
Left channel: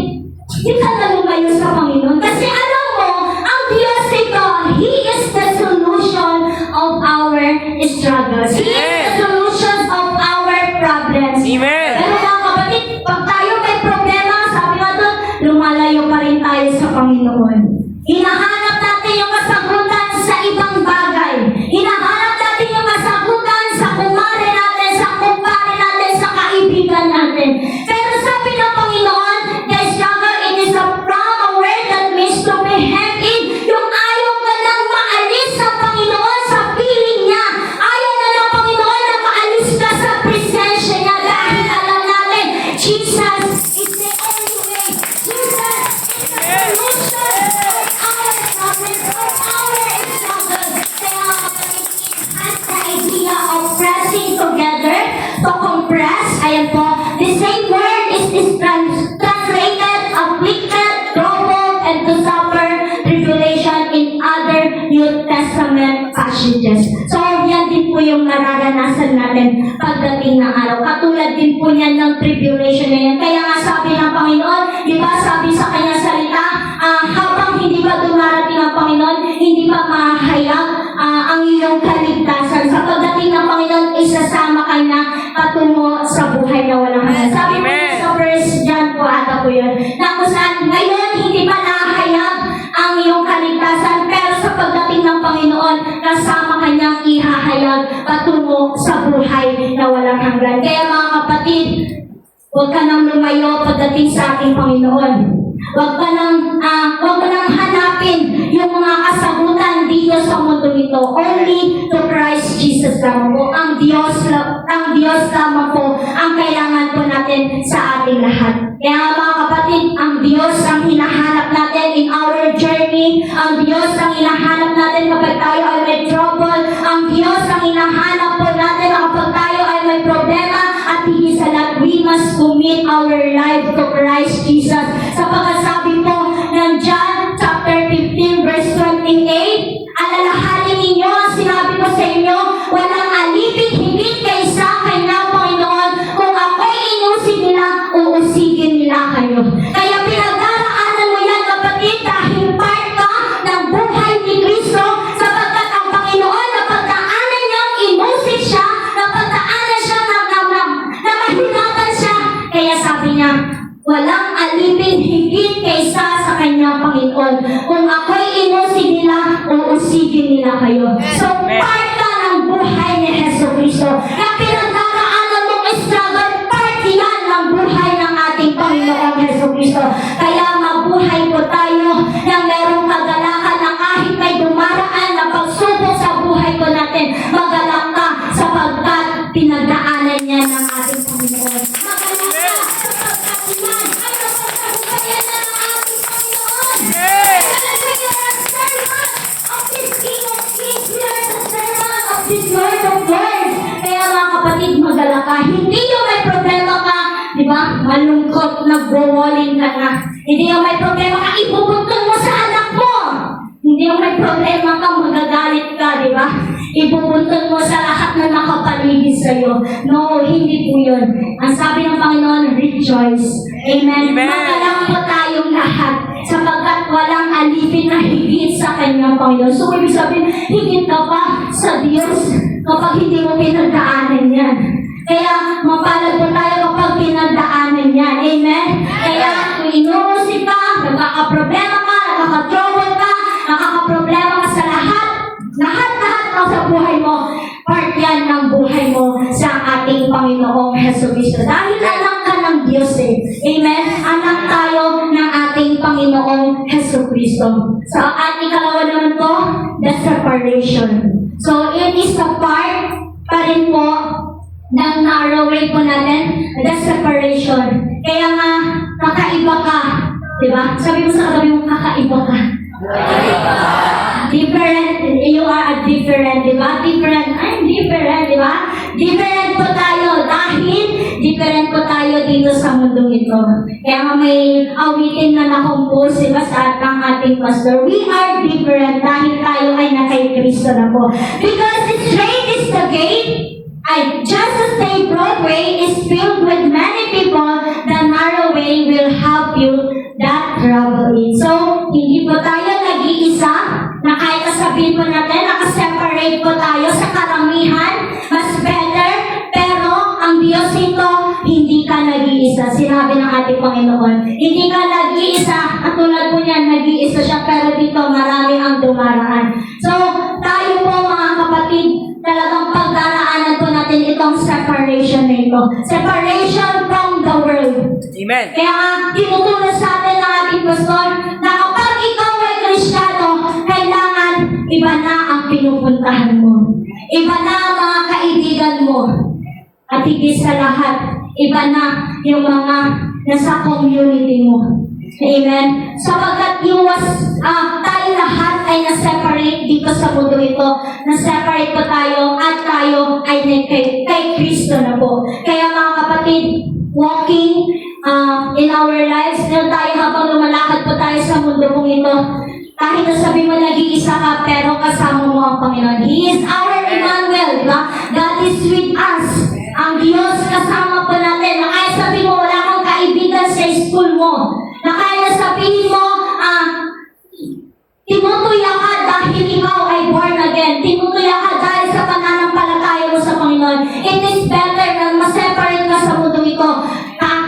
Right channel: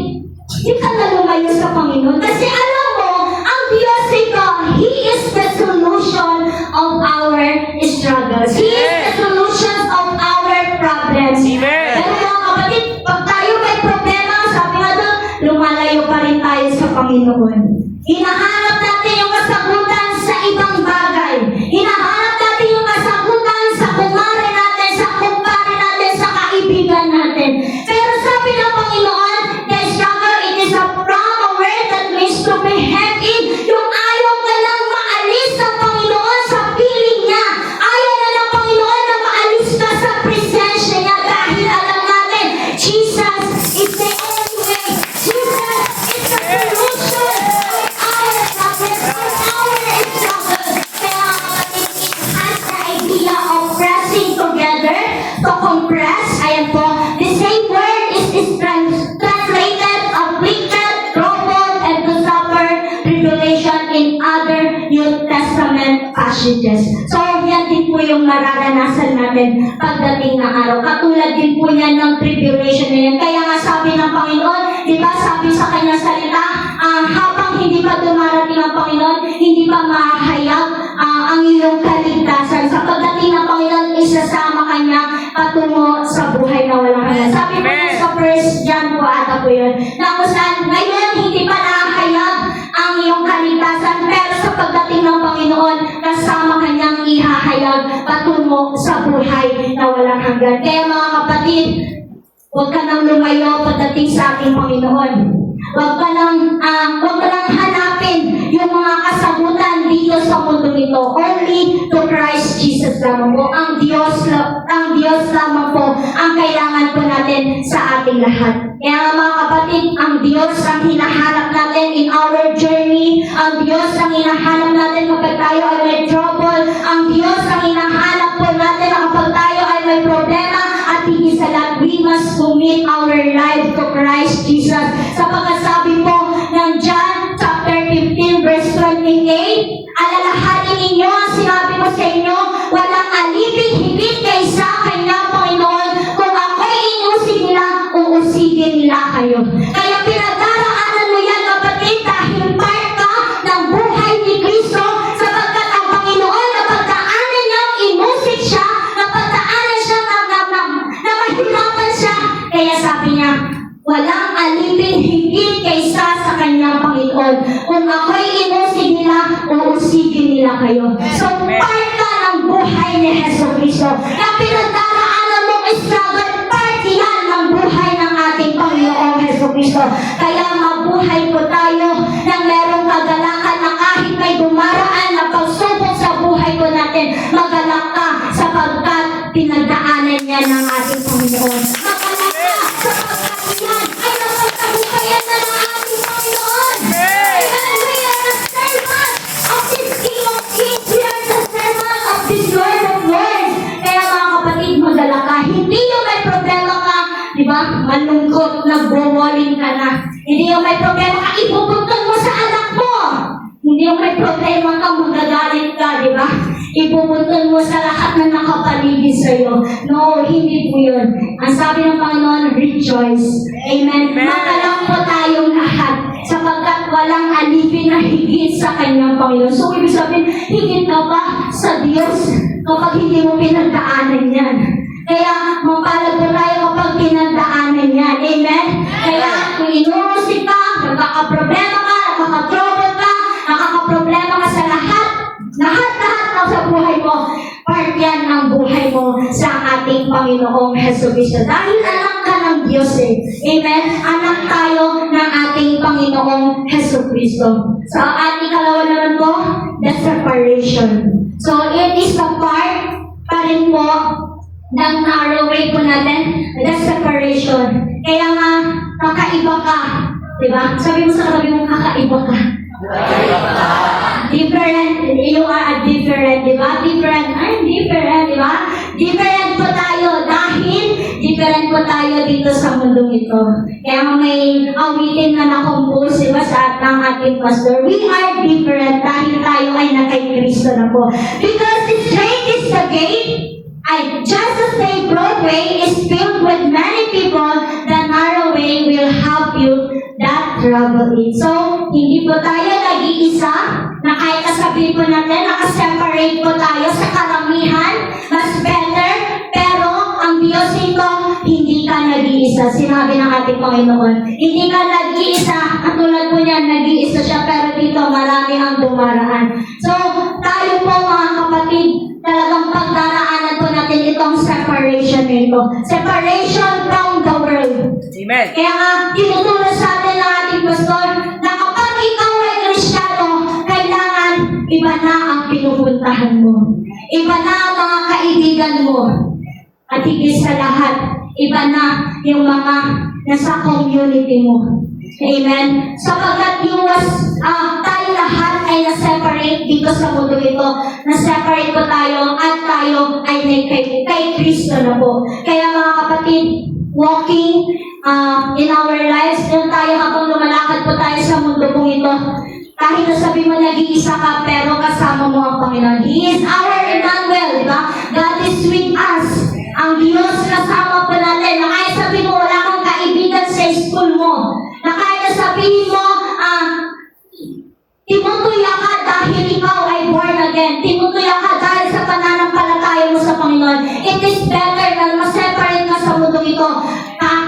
hindi ka na lumayo sa Panginoon. Kasi alam mo, ang Diyos ito, He is the solution of our struggles. He is the solution of our problems. Pero mga kapatid, pag tayo may problema, sabi nga doon, lumalayo pa rin tayo sa Panginoon. Hinahanap natin yung kasagutan sa ibang bagay. Hinahanap natin yung kasagutan sa kumare natin, sa kumpare natin, sa kaibigan natin. Pero sabi ng Panginoon, the struggle, it is a from a word that means to be hemmed in. Yung ayaw ka lang maalis sa Panginoon sa piling niya. Ayaw na ng Panginoon na maalis ka sa presensya niya dahil alam natin, Jesus is the only way. Jesus is the solution of our problems, of our struggles. Kaya kapatid, it has the idea of pressing together to compress. Ayan po, the same word is translated, afflicted, troubled, and to suffer tribulation in other New Testament passages. So, yan din po yung nararanasan natin pagdating ng araw. Katulad din po yan ng tribulation na yan. Kaya nga sabi ng Panginoon, di ba sabi sa kanyang salita, habang hindi pa dumarating ang Panginoon, hindi pa mahayag ang iyong kaligtasan. Sa pagdating ng Panginoon, isasama kanya patungo sa buhay na walang hanggan. Sabi po sa 1 John po ata po yun, na kung saan ngayon hindi pa nahayag ang iyong kaligtasan, pero sa pagdating ng Panginoon, kasama kanyang ihahayag patungo sa buhay na walang hanggan. Kaya mga kapatid, huwag ka nang lumayo pagdating sa ating Panginoon. Huwag ka nang hanapin yung mga kasagutan dito sa mundo nito. Only to Christ Jesus lamang po. Ang Diyos lamang po ang kailangan po natin sa ating lahat. Kaya mga kapatid, ang Diyos ang hinahanap natin in our journey. Ang Diyos ang hinahanap natin kapag tayo ay may trouble. Ang Diyos ang hinahanap po natin kapag tayo ay may problema. At higit sa lahat, we must commit our life to Christ Jesus. Sapagkat sabi po ng John chapter 15 verse 28, alalahanin ninyo ang sinabi ko sa inyo, walang alipin higit kaysa kanya, Panginoon. Kung ako'y inusin nila, uusigin nila kayo. Kaya pinag-araanan mo yan, kapatid, dahil part ka ng buhay ni Kristo, sapagkat ang Panginoon, napagdaanan niyang inusig siya, napagdaanan siya, nakahirapan siya. Kaya sabi niya, walang alipin higit kaysa sa kanyang Panginoon. Kung ako'y inusin nila, uusigin nila kayo. So, part ka ng buhay ni Jesucristo. Ang pinagdaraanan mong struggle, part yan ng buhay ng ating Panginoong Jesucristo. Kaya mabuhay po tayo na merong kagalakan na kahit may dumaraan na pagsubok sa buhay ko natin, magalak ka sapagkat pinagdaanan niya ng ating Panginoon. Magalak ka sapagkat yan ay napagtagumpayan na ng ating Panginoon. Kaya we are the servant of this King of Kings. We are the servant of this Lord of Lords. Kaya mga kapatid, magalak ka. Hindi yung may problema ka, di ba? Malungkot, nagbo-walling ka na. Hindi yung may problema ka, ipupuntong mo sa anak mo. Hindi yung may problema ka, magagalit ka, di ba? Ipupuntong mo sa lahat na nakapaligid sa'yo. No, hindi po yun. Ang sabi ng Panginoon, rejoice. Amen. Magalang po tayong lahat sapagkat walang alipin na higit sa kanyang Panginoon. So, ibig sabihin, higit ka pa sa Diyos kapag hindi mo pinagdaanan yan. Kaya, mapalad po tayo kapag pinagdaanan yan. Amen? Kaya, kung inuusip ka, nakakaproblema ka, nakaka-trouble ka, nakakaproblema ka sa lahat ng sa buhay mo, part yan ng buhay mo sa ating Panginoong Jesucristo. Dahil anak ka ng Diyos eh. Amen? Anak tayo ng ating Panginoong Jesucristo. So, ang ikalawa naman po, the separation. So, it is a part pa rin po ng narrow way po natin, the separation. Kaya nga, kakaiba ka. Diba? Sabi mo sa sabi mo, kakaiba ka. Different, you are different, diba? Different, I'm different, diba? Different po tayo dahil different po tayo dito sa mundong ito. Kaya nga may awitin na na-compose, diba, sa ng ating pastor. We are different dahil tayo ay nakay Kristo na po. Because straight is the gate, just as the broad way is filled with many people, the narrow way will help you that travel in. So, hindi po tayo nag-iisa, na kahit kasabihin po natin, nakaseparate po tayo sa karamihan, mas better, pero ang Diyos ito, hindi ka nag-iisa. Sinabi ng ating Panginoon, hindi ka nag-iisa, at tulad po niyan, nag-iisa siya, pero dito marami ang dumaraan. So, tayo po mga kapatid, talagang pagdaraanan po natin itong separation na ito. Separation from the world. Amen. Kaya nga, tinuturo sa atin ng ating pastor na kapag ikaw ay Kristiyano, kailangan iba na ang pinupuntahan mo. Iba na ang mga kaibigan mo. At higit sa lahat, iba na yung mga nasa community mo. Amen? Sapagkat tayo lahat ay na-separate dito sa mundo ito. Na-separate po tayo at tayo ay kay Kristo na po. Kaya mga kapatid, walking in our lives, yun tayo habang lumalakad po tayo sa mundo pong ito. Kahit na sabi mo nag-iisa ka, pero kasama mo ang Panginoon. He is our Emmanuel, diba? God is with us. Ang Diyos kasama po natin. Na kaya sabi mo, wala kang kaibigan sa school mo. Na kaya na sabihin mo, tinutuya ka dahil ikaw ay born again. Tinutuya ka dahil sa pananampalataya mo sa Panginoon. It is better na ma-separate ka sa mundo ito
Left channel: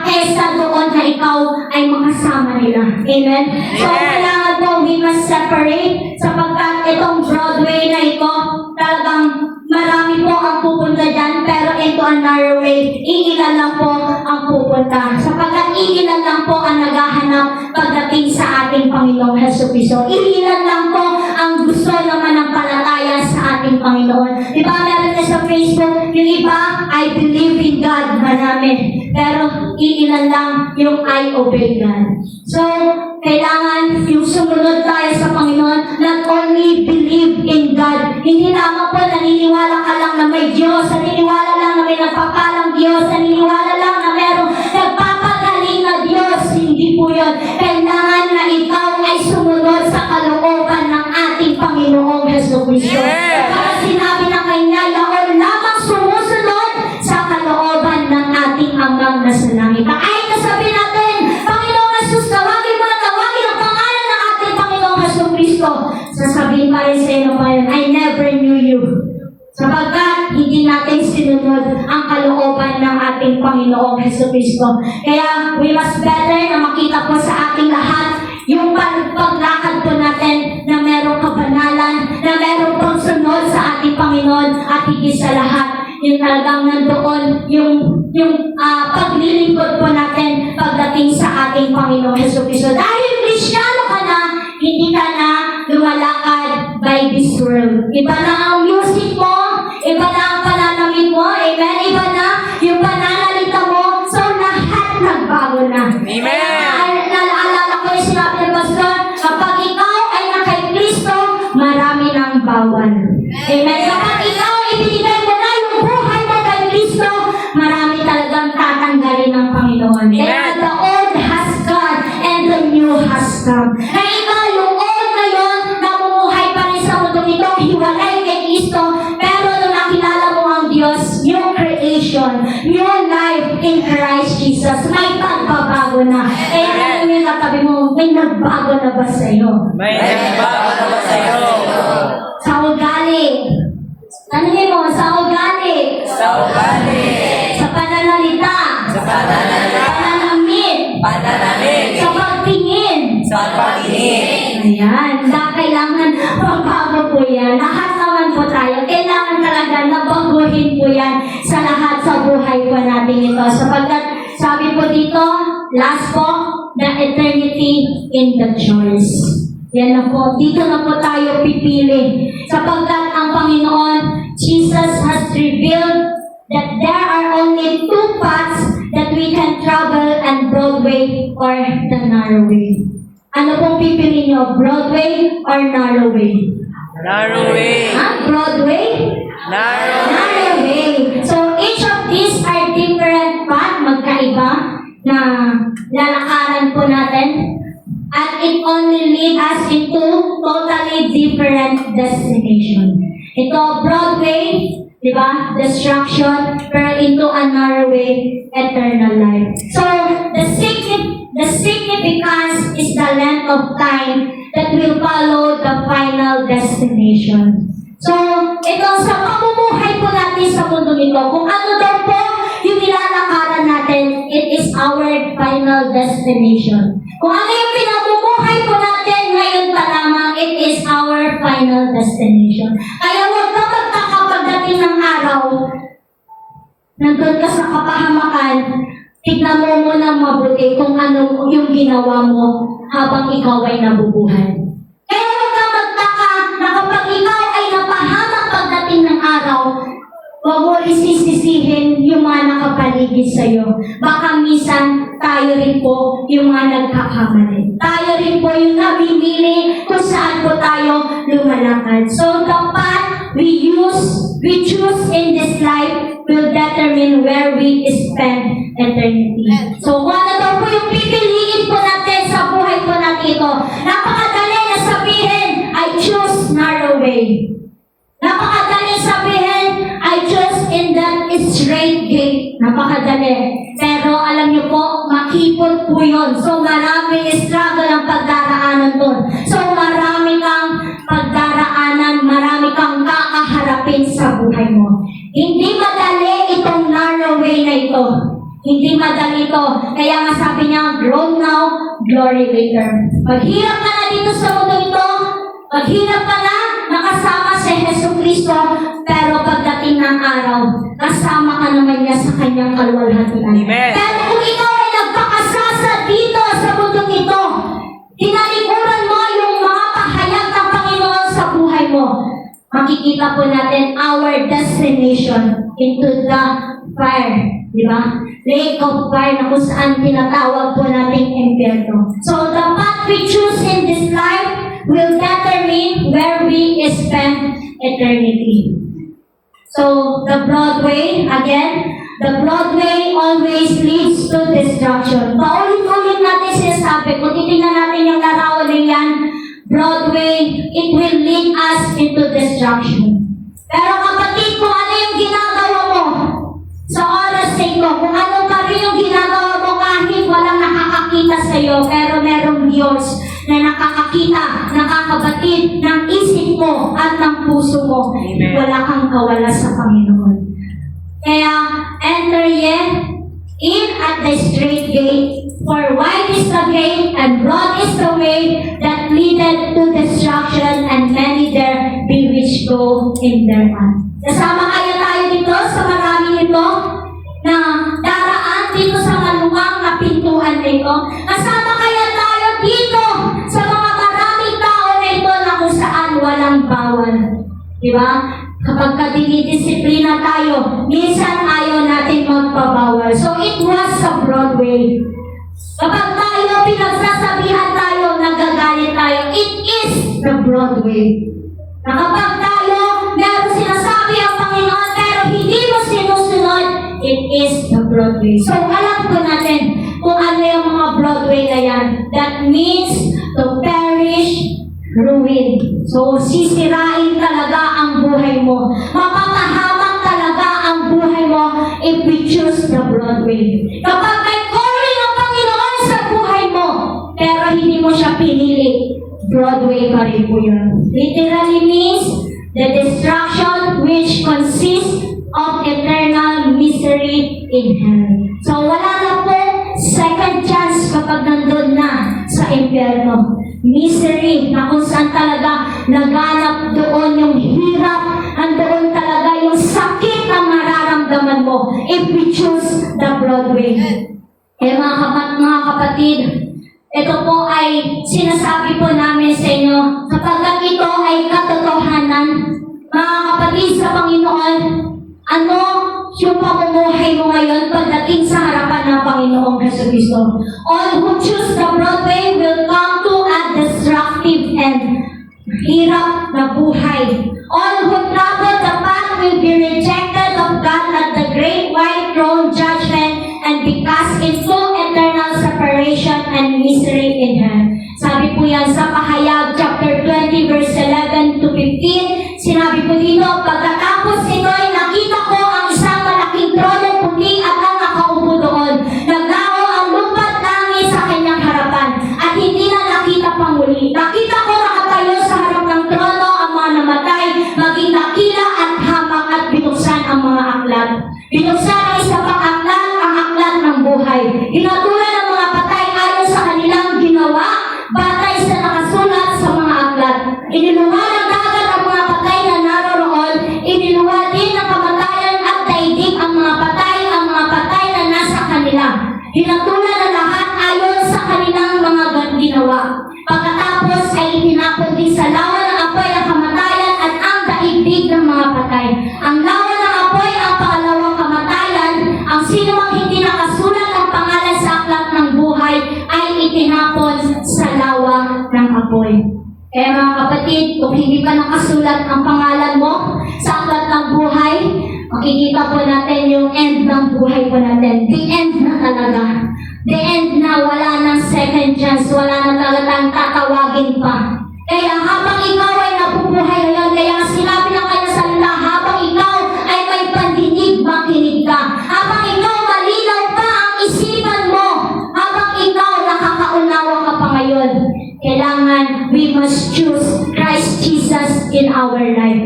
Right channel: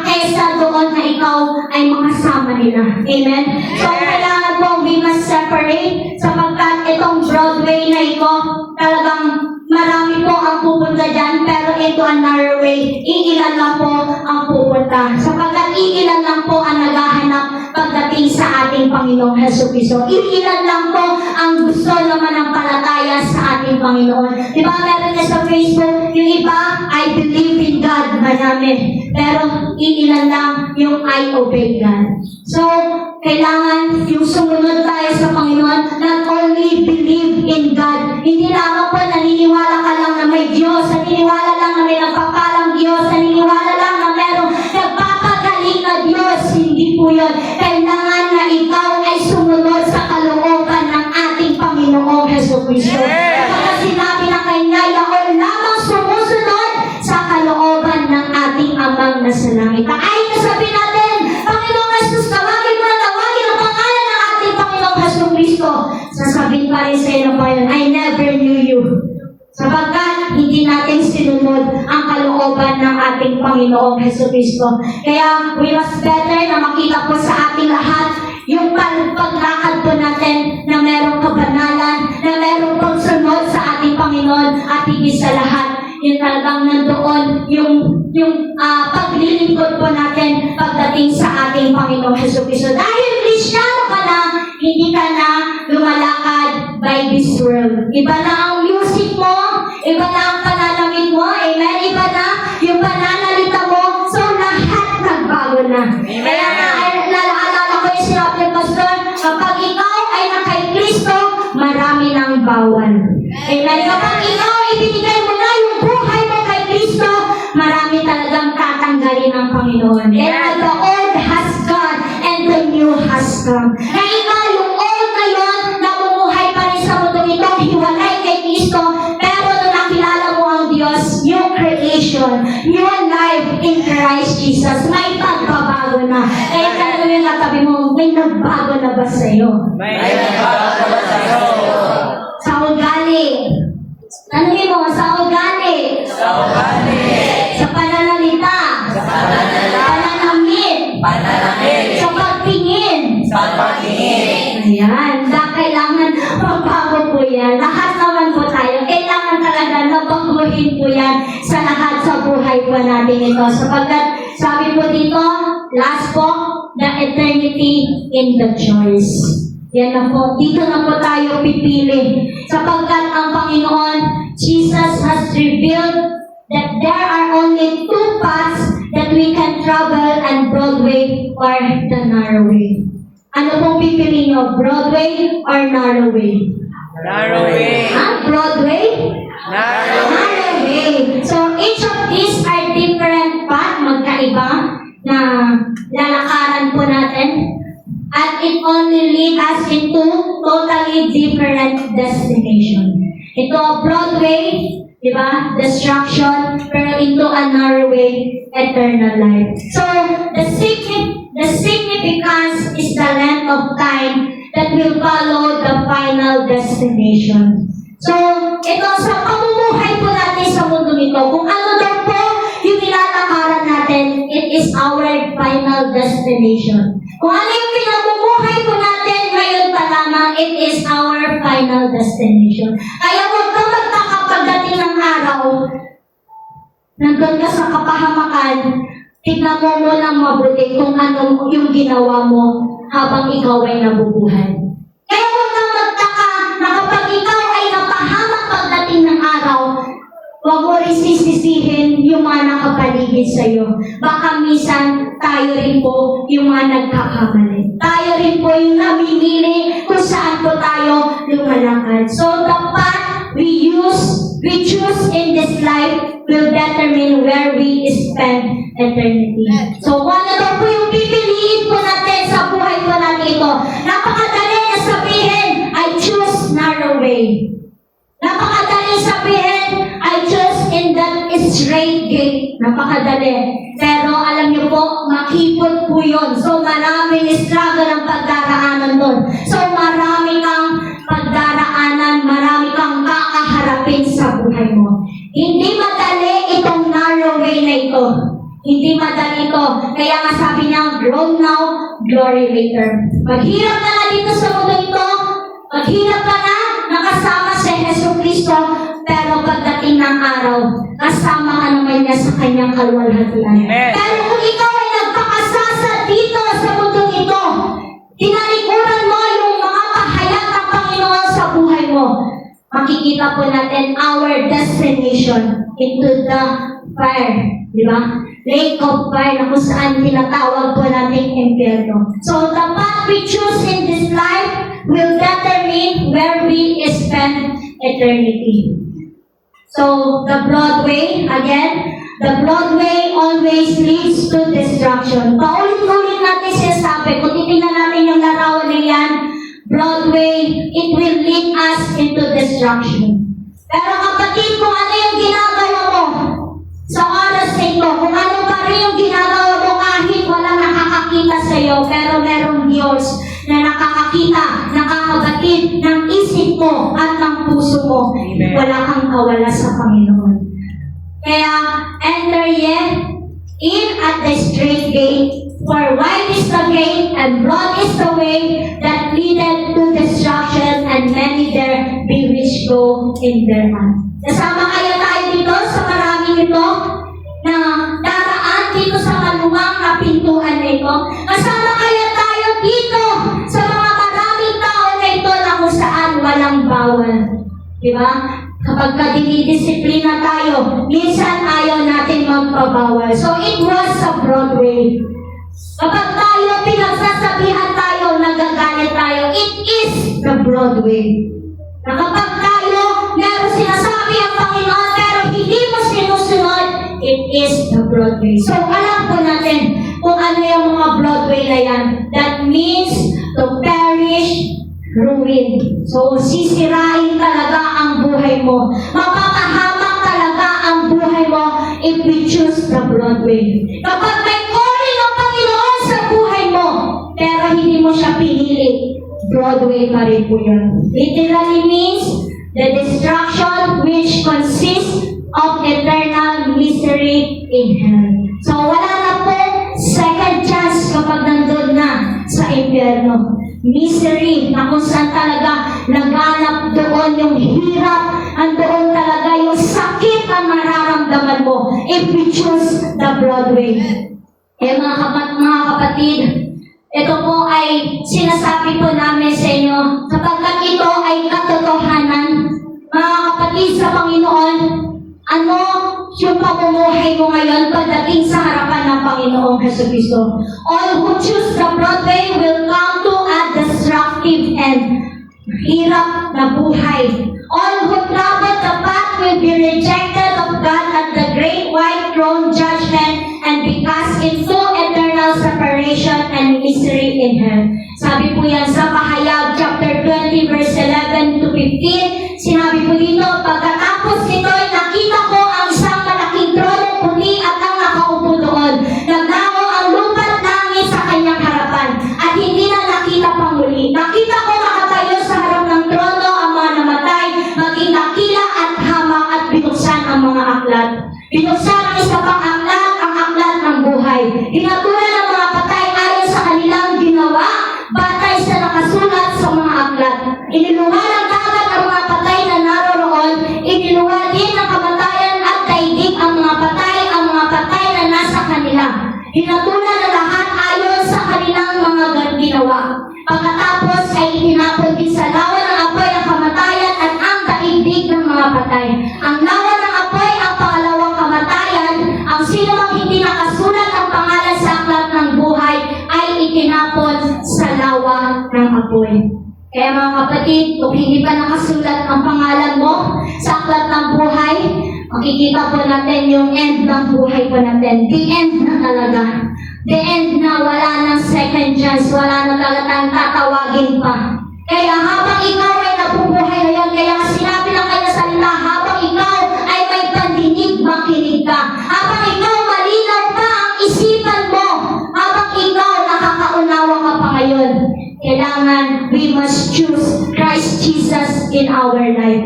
kaysa doon na ikaw ay makasama nila. Amen? So, kailangan po we must separate sapagkat itong Broadway na ito, talagang marami po ang pupunta dyan, pero ito ang narrow way. Iilan lang po ang pupunta. Sapagkat iilan lang po ang naghahanap pagdating sa ating Panginoong Jesucristo. Iilan lang po ang gusto naman ng palataya sa ating Panginoon. Diba meron na sa Facebook, yung iba, I believe in God, marami. Pero iilan lang yung I obey God. So, kailangan yung sumunod tayo sa Panginoon, not only believe in God. Hindi lamang po naniniwala ka lang na may Diyos, naniniwala lang na may nagpapalang Diyos, naniniwala lang na merong nagpapagaling na Diyos. Hindi po yun. Kailangan na ikaw ay sumunod sa kalooban ng ating Panginoong Jesucristo. Kaya sinabi na kanya, yaon lamang sumusunod sa kalooban ng ating Amang nasa langit. Ay, kasabi natin, Panginoong Jesus, tawagin mo ang pangalan ng ating Panginoong Jesucristo. Sasabihin pa rin sa iyo, Panginoon, I never knew you. Sapagkat hindi natin sinunod ang kalooban ng ating Panginoong Jesucristo. Kaya we must better na makita po sa ating lahat yung paglakad po natin na merong kabanalan, na merong pagsunod sa ating Panginoon at talagang nandoon yung paglilingkod po natin pagdating sa ating Panginoong Jesucristo. Dahil Kristiyano ka na, hindi ka na lumalakad by this world. Iba na ang music mo, iba na ang pananamit mo, amen? Iba na yung pananalita mo, so lahat nagbago na. Amen. Naalala ko yung sinabi ng Pastor, kapag ikaw ay na kay Kristo, marami nang bawal. Amen? Kapag ikaw ibinigay mo na yung buhay mo kay Kristo, marami talagang tatanggalin ng Panginoon. Kaya the old has gone and the new has come. Na iba yung old ngayon, namumuhay pa rin sa mundo ito, hiwalay kay Kristo, pero nung nakilala mo ang Diyos, new creation, new life in Christ Jesus, may pagbabago na. Kaya ano yung natabi mo, may nagbago na ba sa'yo? May nagbago na sa'yo. Sa ugali. Ano yun mo? Sa ugali. Sa ugali. Sa pananalita. Sa pananalita. Pananamit. Pananamit. Sa pagtingin. Sa pagtingin. Ayan. Kailangan magbago po yan. Lahat naman po tayo. Kailangan talaga na baguhin po yan sa lahat sa buhay po natin ito. Sapagkat sabi po dito, last po, the eternity in the choice. Yan na po. Dito na po tayo pipili. Sapagkat ang Panginoon, Jesus has revealed that there are only two paths that we can travel, and Broadway or the narrow way. Ano pong pipili nyo? Broadway or narrow way? Narrow way. Broadway? Narrow way. Narrow way. So each of these are different path, magkaiba na lalakaran po natin. At it only leads us into totally different destination. Ito, Broadway, di ba? Destruction, pero into a narrow way, eternal life. So, the significance is the length of time that will follow the final destination. So, ito, sa pamumuhay po natin sa mundo nito, kung ano daw po yung nilalakaran natin, it is our final destination. Kung ano yung pinamumuhay po natin ngayon pa lamang, it is our final destination. Kaya huwag ka magtaka pagdating ng araw, nandun ka sa kapahamakan, tignan mo munang mabuti kung ano yung ginawa mo habang ikaw ay nabubuhay. Kaya huwag ka magtaka na kapag ikaw ay napahamak pagdating ng araw, huwag mo rin sisisihin yung mga nakapaligid sa'yo. Baka minsan tayo rin po yung mga nagkakamali. Tayo rin po yung namimili kung saan po tayo lumalakad. So the path we choose in this life will determine where we spend eternity. So kung ano daw po yung pipiliin po natin sa buhay po natin ito, napakadali na sabihin, I choose narrow way. Napakadali sabihin, I choose in that straight gate. Napakadali. Pero alam niyo po, makipot po yun. So maraming struggle ang pagdaraanan doon. So marami kang pagdaraanan, marami kang kakaharapin sa buhay mo. Hindi madali itong narrow way na ito. Hindi madali ito. Kaya nga sabi niya, grow now, glory later. Maghirap ka na dito sa mundo ito. Maghirap ka na, nakasama si Jesucristo, pero pagdating ng araw, kasama ka naman niya sa kanyang kaluwalhatian. Pero kung ikaw ay nagpakasasa dito sa mundo ito, tinalikuran mo yung mga pahayag ng Panginoon sa buhay mo, makikita po natin our destination into the fire. Di ba? Lake of fire na kung saan tinatawag po natin impyerno. So the path we choose in this life will determine where we spend eternity. So, the Broadway, again, the Broadway always leads to destruction. Paulit-ulit natin sinasabi, kung titingnan natin yung larawan na yan, Broadway, it will lead us into destruction. Pero kapatid, kung ano yung ginagawa mo sa oras na ito, kung ano pa rin yung ginagawa mo kahit walang nakakakita sa iyo, pero merong Diyos na nakakakita, nakakabatid ng isip mo at ng puso mo. Wala kang kawala sa Panginoon. Kaya, enter ye in at the straight gate, for wide is the gate and broad is the way that leadeth to destruction, and many there be which go in thereat. Kasama kaya tayo dito sa marami walang bawal. Di ba? Kapag dinidisiplina tayo, minsan ayaw natin magpabawal. So it was sa Broadway. Kapag tayo, pinagsasabihan tayo, nagagalit tayo, it is the Broadway. Na kapag tayo, meron sinasabi ang Panginoon, pero hindi mo sinusunod, it is the Broadway. So alam po natin kung ano yung mga Broadway na yan. That means to perish, ruin. So sisirain talaga ang buhay mo. Mapapahamak talaga ang buhay mo if we choose the Broadway. Kapag may calling ng Panginoon sa buhay mo, pero hindi mo siya pinili, Broadway pa rin po yun. Literally means the destruction which consists of eternal misery in hell. So wala na po second chance kapag nandun na sa impyerno. Misery na kung saan talaga naganap doon yung hirap, andoon talaga yung sakit na mararamdaman mo if we choose the Broadway. Mga kapatid, ito po ay sinasabi po namin sa inyo sapagkat ito ay katotohanan. Mga kapatid sa Panginoon, ano yung pamumuhay mo ngayon pagdating sa harapan ng Panginoong Jesucristo? All who choose the Broadway will come to a destructive end. Hirap na buhay. All who travel the path will be rejected of God at the great white throne judgment and be cast into eternal separation and misery in hell. Sabi po yan sa Pahayag chapter 20 verse 11 to 15. Sinabi po dito, pagkatapos nito'y nakita ko ang isang malaking trono puti at ang nakaupo doon. Naglaho ang lupa't langit sa kanyang harapan at hindi na nakita pang muli. Nakita ko nakatayo sa harap ng trono ang mga namatay, maging nakila at hamang at binuksan ang mga aklat. Binuksan ang isa pang aklat, ang aklat ng buhay. Inatulan ng mga patay ayon sa kanilang ginawa, batay sa nakasulat sa mga aklat. Iniluwa ng dagat ang mga patay na naroroon, iniluwa din ng kamatayan at daigdig ang mga patay na nasa kanila. Hinatulan na lahat ayon sa kanilang mga ginawa. Pagkatapos ay hinapon din sa lawa ng apoy ang kamatayan at ang daigdig ng mga patay. Ang lawa ng apoy ang pangalawang kamatayan. Ang sinumang hindi nakasulat ang pangalan sa aklat ng buhay ay itinapon sa lawa ng apoy. Kaya mga kapatid, kung hindi pa nakasulat ang pangalan mo sa aklat ng buhay, makikita po natin yung end ng buhay po natin. The end na talaga. The end na, wala nang second chance, wala na talagang tatawagin pa. Kaya habang ikaw ay nabubuhay ngayon, kaya sinabi lang kayo sa salita, habang ikaw ay may pandinig, makinig ka. Habang ikaw malinaw pa ang isipan mo, habang ikaw nakakaunawa ka pa ngayon, kailangan we must choose Christ Jesus in our life.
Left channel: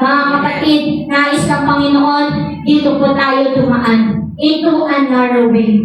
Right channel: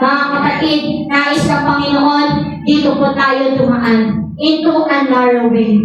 Mga kapatid, nais ng Panginoon, dito po tayo dumaan into a narrow way.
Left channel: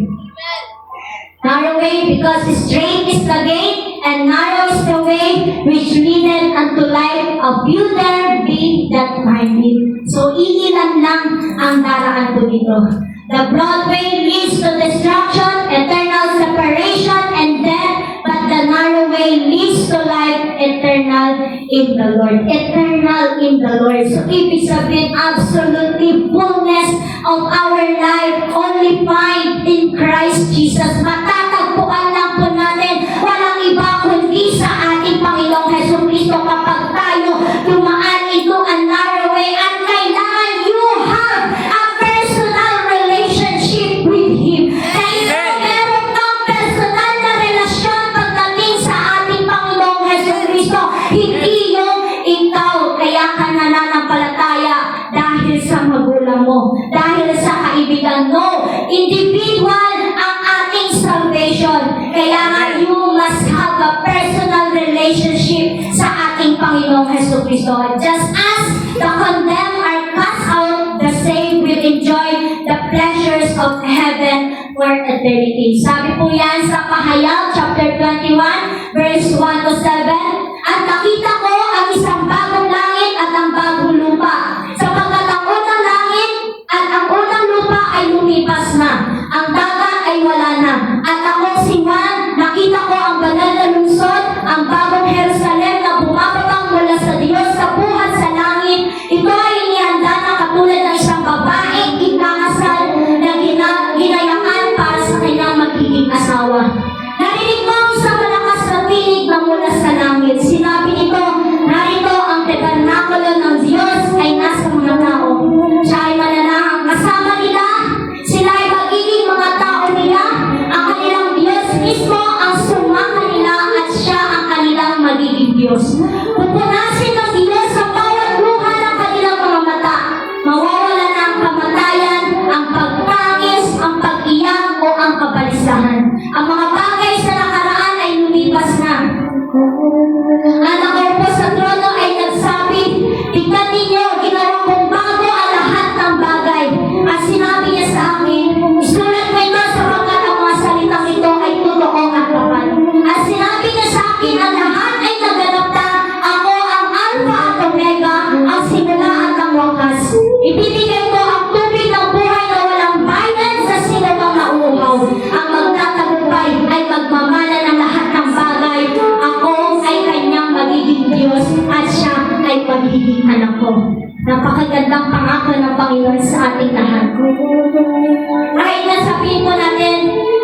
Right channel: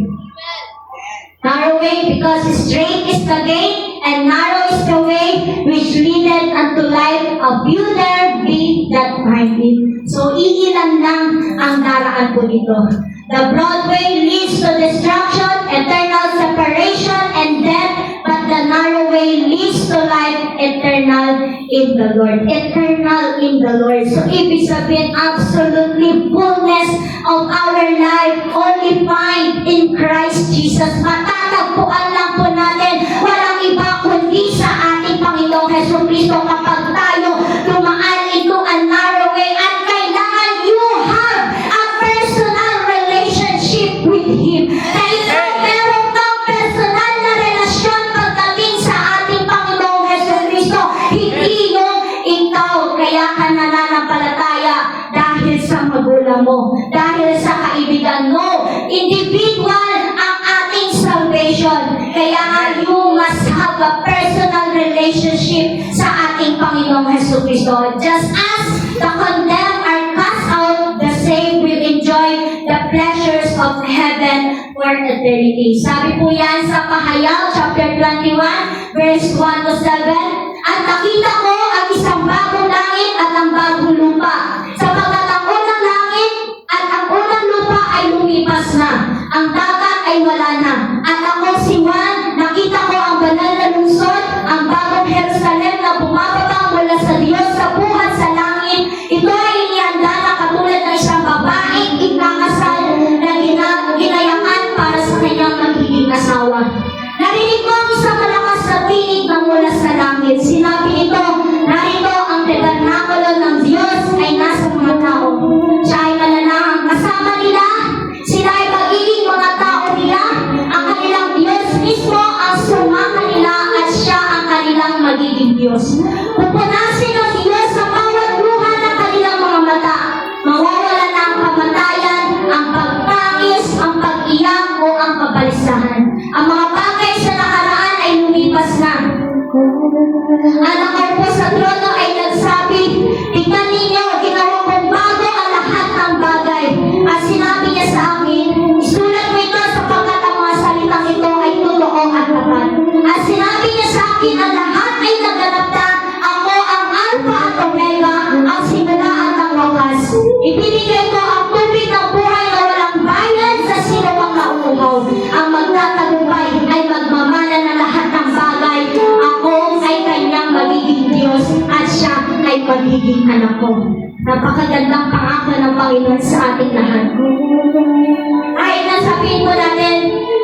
Narrow way because straight is the gate and narrow is the way which leadeth unto life, a few there be that find it. So, iilan lang ang daraan po dito. The broad way leads to destruction, eternal separation, and death, but the narrow way leads to life, eternal in the Lord. Eternal in the Lord. So, ibig sabihin, absolutely fullness of our life only find in Christ Jesus. Matatagpuan lang po natin, walang iba kundi sa ating Panginoong Jesucristo kapag tayo dumaan into a narrow way at kailangan you have a personal relationship with Him. Kaya meron kang personal na relasyon pagdating sa ating Panginoong Jesucristo, hindi yung ikaw kaya ka nananampalataya dahil sa magulang mo, dahil sa kaibigan mo. Individual ang ating salvation. Kaya nga you must have a personal relationship sa ating Panginoong Jesucristo. Just as the condemned are cast out, the same will enjoy the pleasures of heaven for eternity. Sabi po yan sa Pahayag chapter 21 verse 1 to 7. At nakita ko ang isang bagong langit at ang bagong lupa. Sapagkat ang unang langit at ang unang lupa ay lumipas na. Ang dagat ay wala na. At ako si Juan, nakita ko ang banal na lungsod, ang bagong Jerusalem na bumababa mula sa Diyos sa pangako. Napakagandang pangako ng Panginoon sa ating lahat. Kahit na sabihin po natin,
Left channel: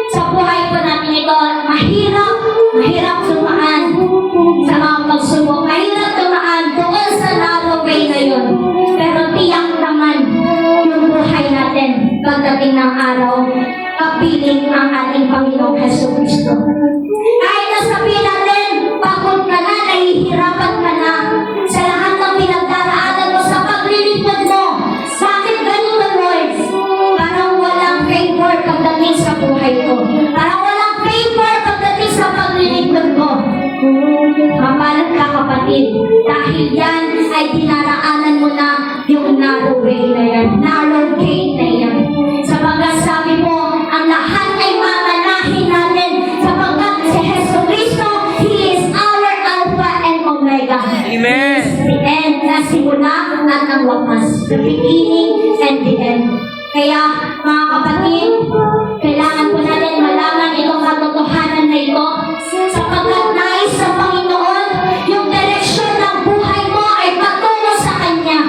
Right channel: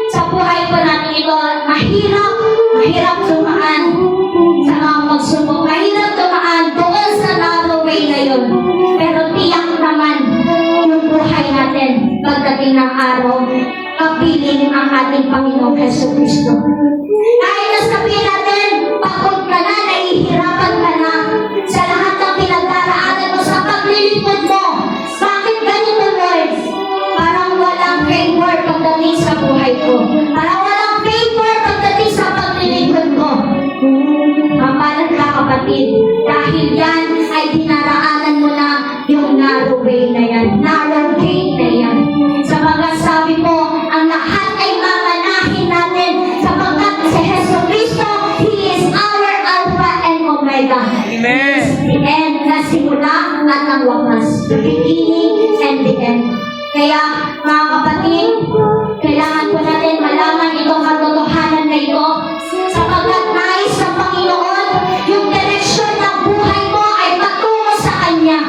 sa buhay po natin ito, mahirap dumaan sa mga pagsubok. Mahirap dumaan doon sa narrow way na yun. Pero tiyak naman yung buhay natin pagdating ng araw, kapiling ang ating Panginoong Jesucristo. Kahit na sabihin natin, pagod ka na, nahihirapan ka na, sa lahat ng pinagdaraanan mo, sa paglilipad mo, bakit ganito, Lord? Parang walang favor pagdating sa buhay ko. Parang walang favor pagdating sa paglilipad mo. Mamalag ka, kapatid, dahil yan ay dinaraanan mo na yung narrow way na yan, narrow gate na yan. Sapagkat sabi mo, ang lahat ay mamanahin natin sapagkat si Jesu Cristo, He is our Alpha and Omega. Amen. The end na simula at ang wakas. The beginning and the end. Kaya mga kapatid, kailangan po natin malaman itong katotohanan na ito sapagkat nais sa Panginoon yung direksyon ng buhay mo ay patungo sa Kanya.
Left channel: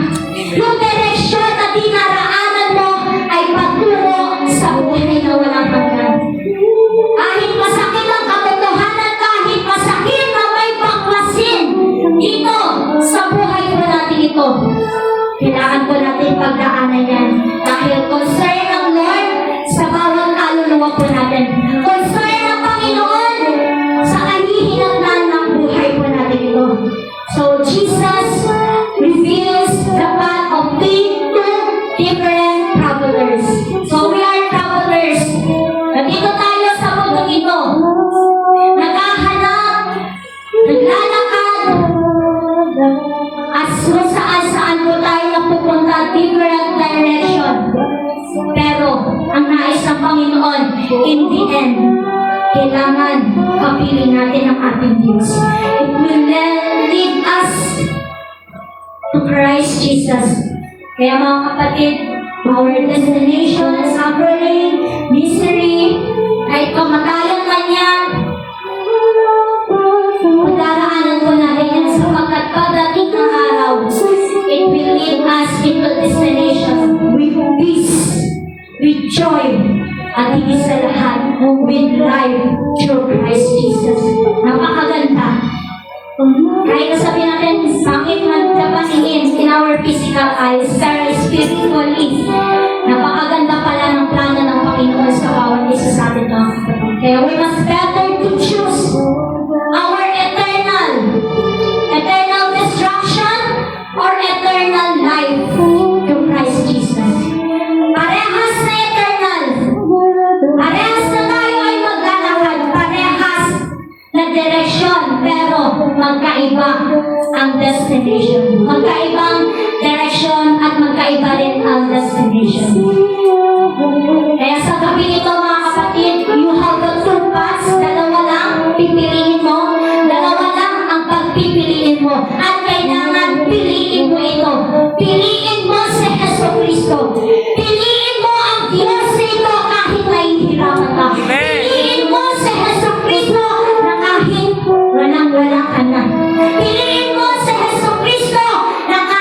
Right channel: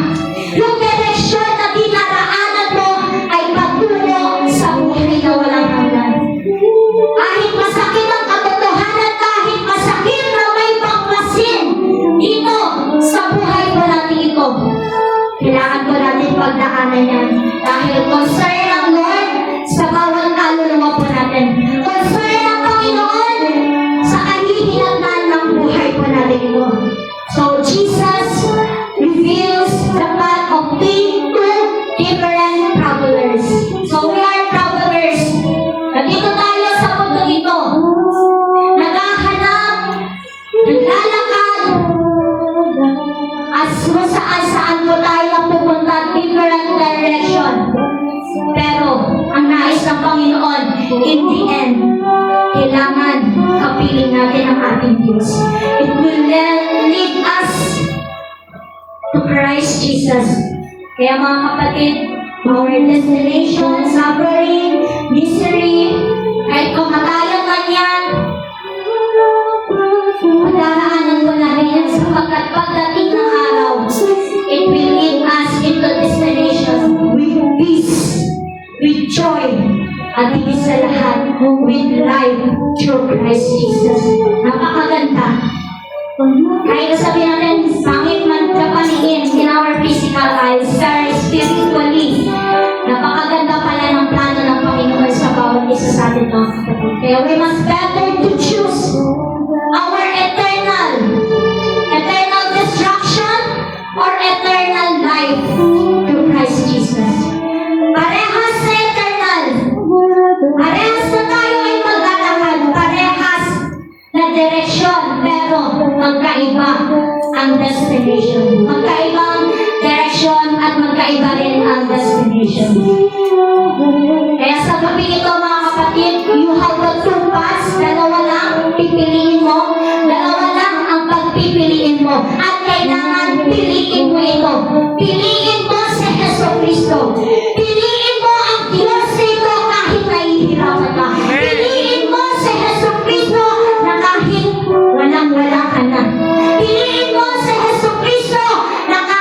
Yung direksyon na dinaraanan mo ay patungo sa buhay na walang hanggan. Kahit masakit ang katotohanan, kahit masakit na may pagmasin dito sa buhay po natin ito, kailangan po natin pagdaanan yan. Dahil concern ng Lord sa bawat kaluluwa po natin. Concern ng Panginoon sa kahihinatnan ng buhay po natin ito. So, Jesus reveals the path of two different travelers. So, we are travelers. Nandito tayo sa mundo ito. Naghahanap, naglalakad, at saan po tayo napupunta, different direction. Pero, ang nais ng Panginoon, in the end, kailangan kapiling natin ang ating Diyos. It will lead us to Christ Jesus. Kaya mga kapatid, our destination, suffering, misery, kahit kumakalat man yan, pagdaraanan po natin yan sapagkat pagdating ng araw, it will lead us into destination with peace, with joy, at higit sa lahat, with life through Christ Jesus. Napakaganda. Kahit sabihin natin, pangit man paningin in our physical eyes, pero spiritually, napakaganda pala ng plano ng Panginoon sa bawat isa sa atin mga kapatid. Kaya we must better to choose our eternal destruction or eternal life through Christ Jesus. Parehas na eternal. Parehas na tayo ay maglalakad. Parehas na direksyon, pero magkaiba ang destination. Magkaibang direksyon at magkaiba rin ang destination. Kaya sa gabi ito mga kapatid, you have the two paths. Dalawa lang pipiliin mo. Dalawa lang ang pagpipiliin mo. At kailangan piliin mo ito. Piliin mo si Jesu Cristo. Piliin mo ang Diyos nito kahit nahihirapan ka. Piliin mo si Jesu Cristo na kahit walang-wala ka na. Piliin mo si Jesu Cristo na kahit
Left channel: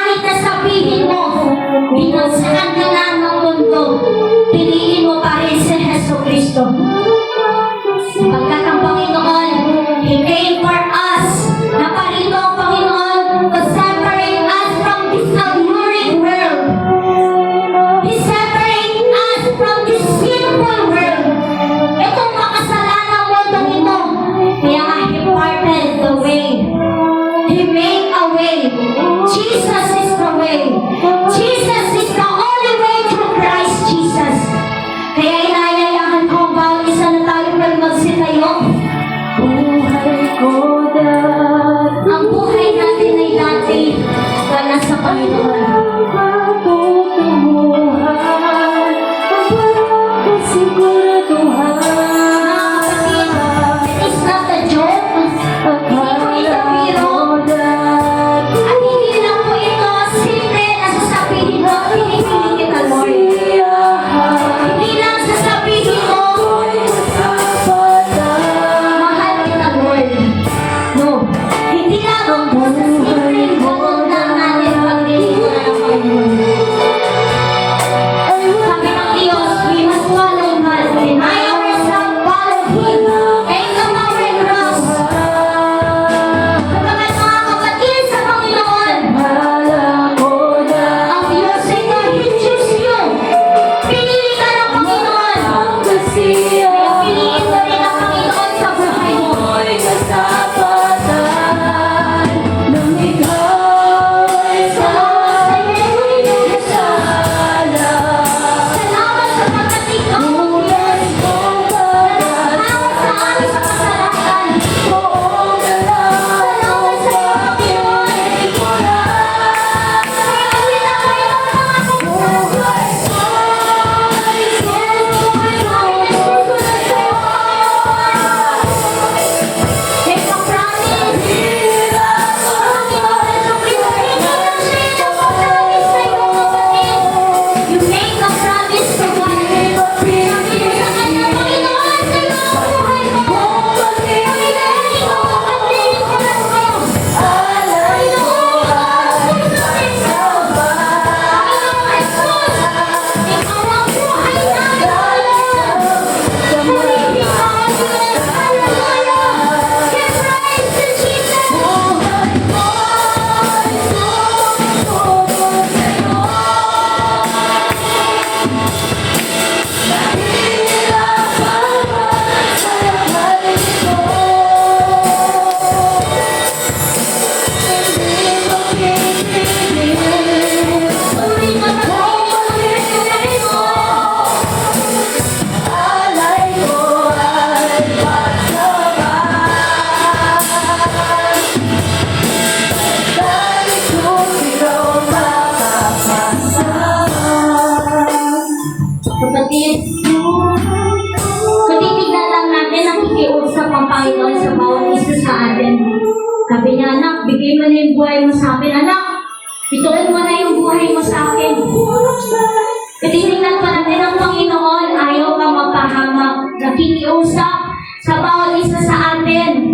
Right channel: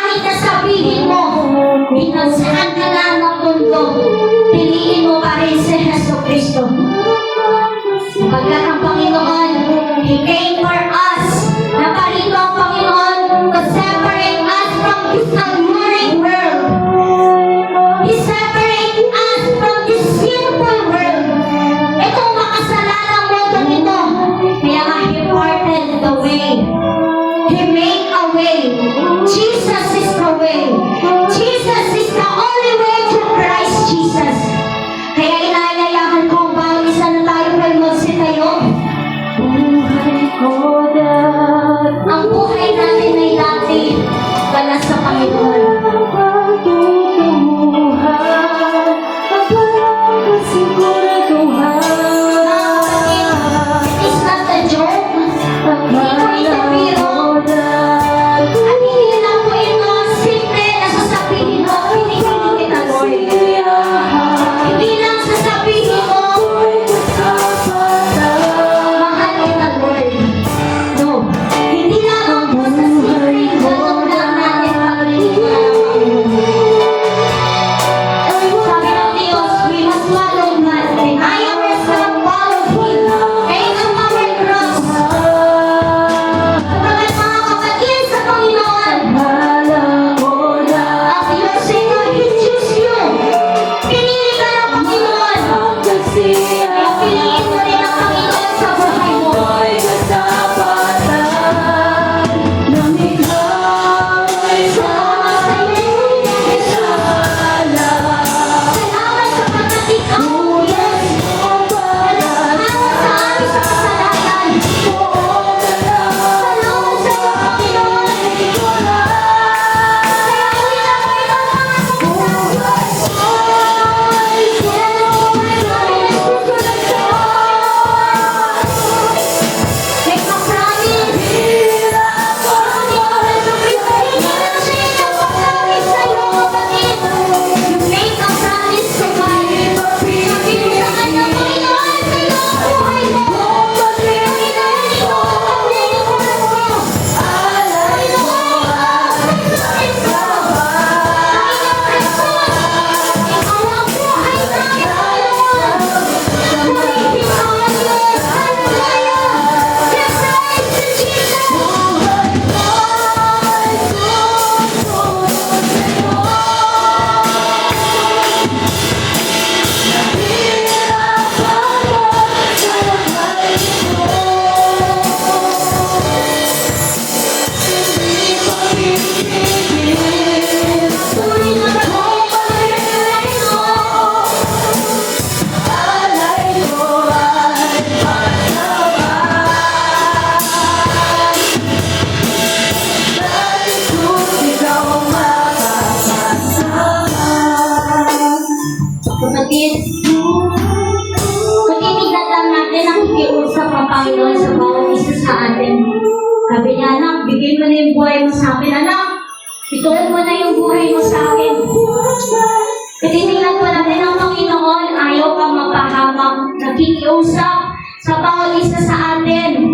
pakiusap sa bawat isa sa atin.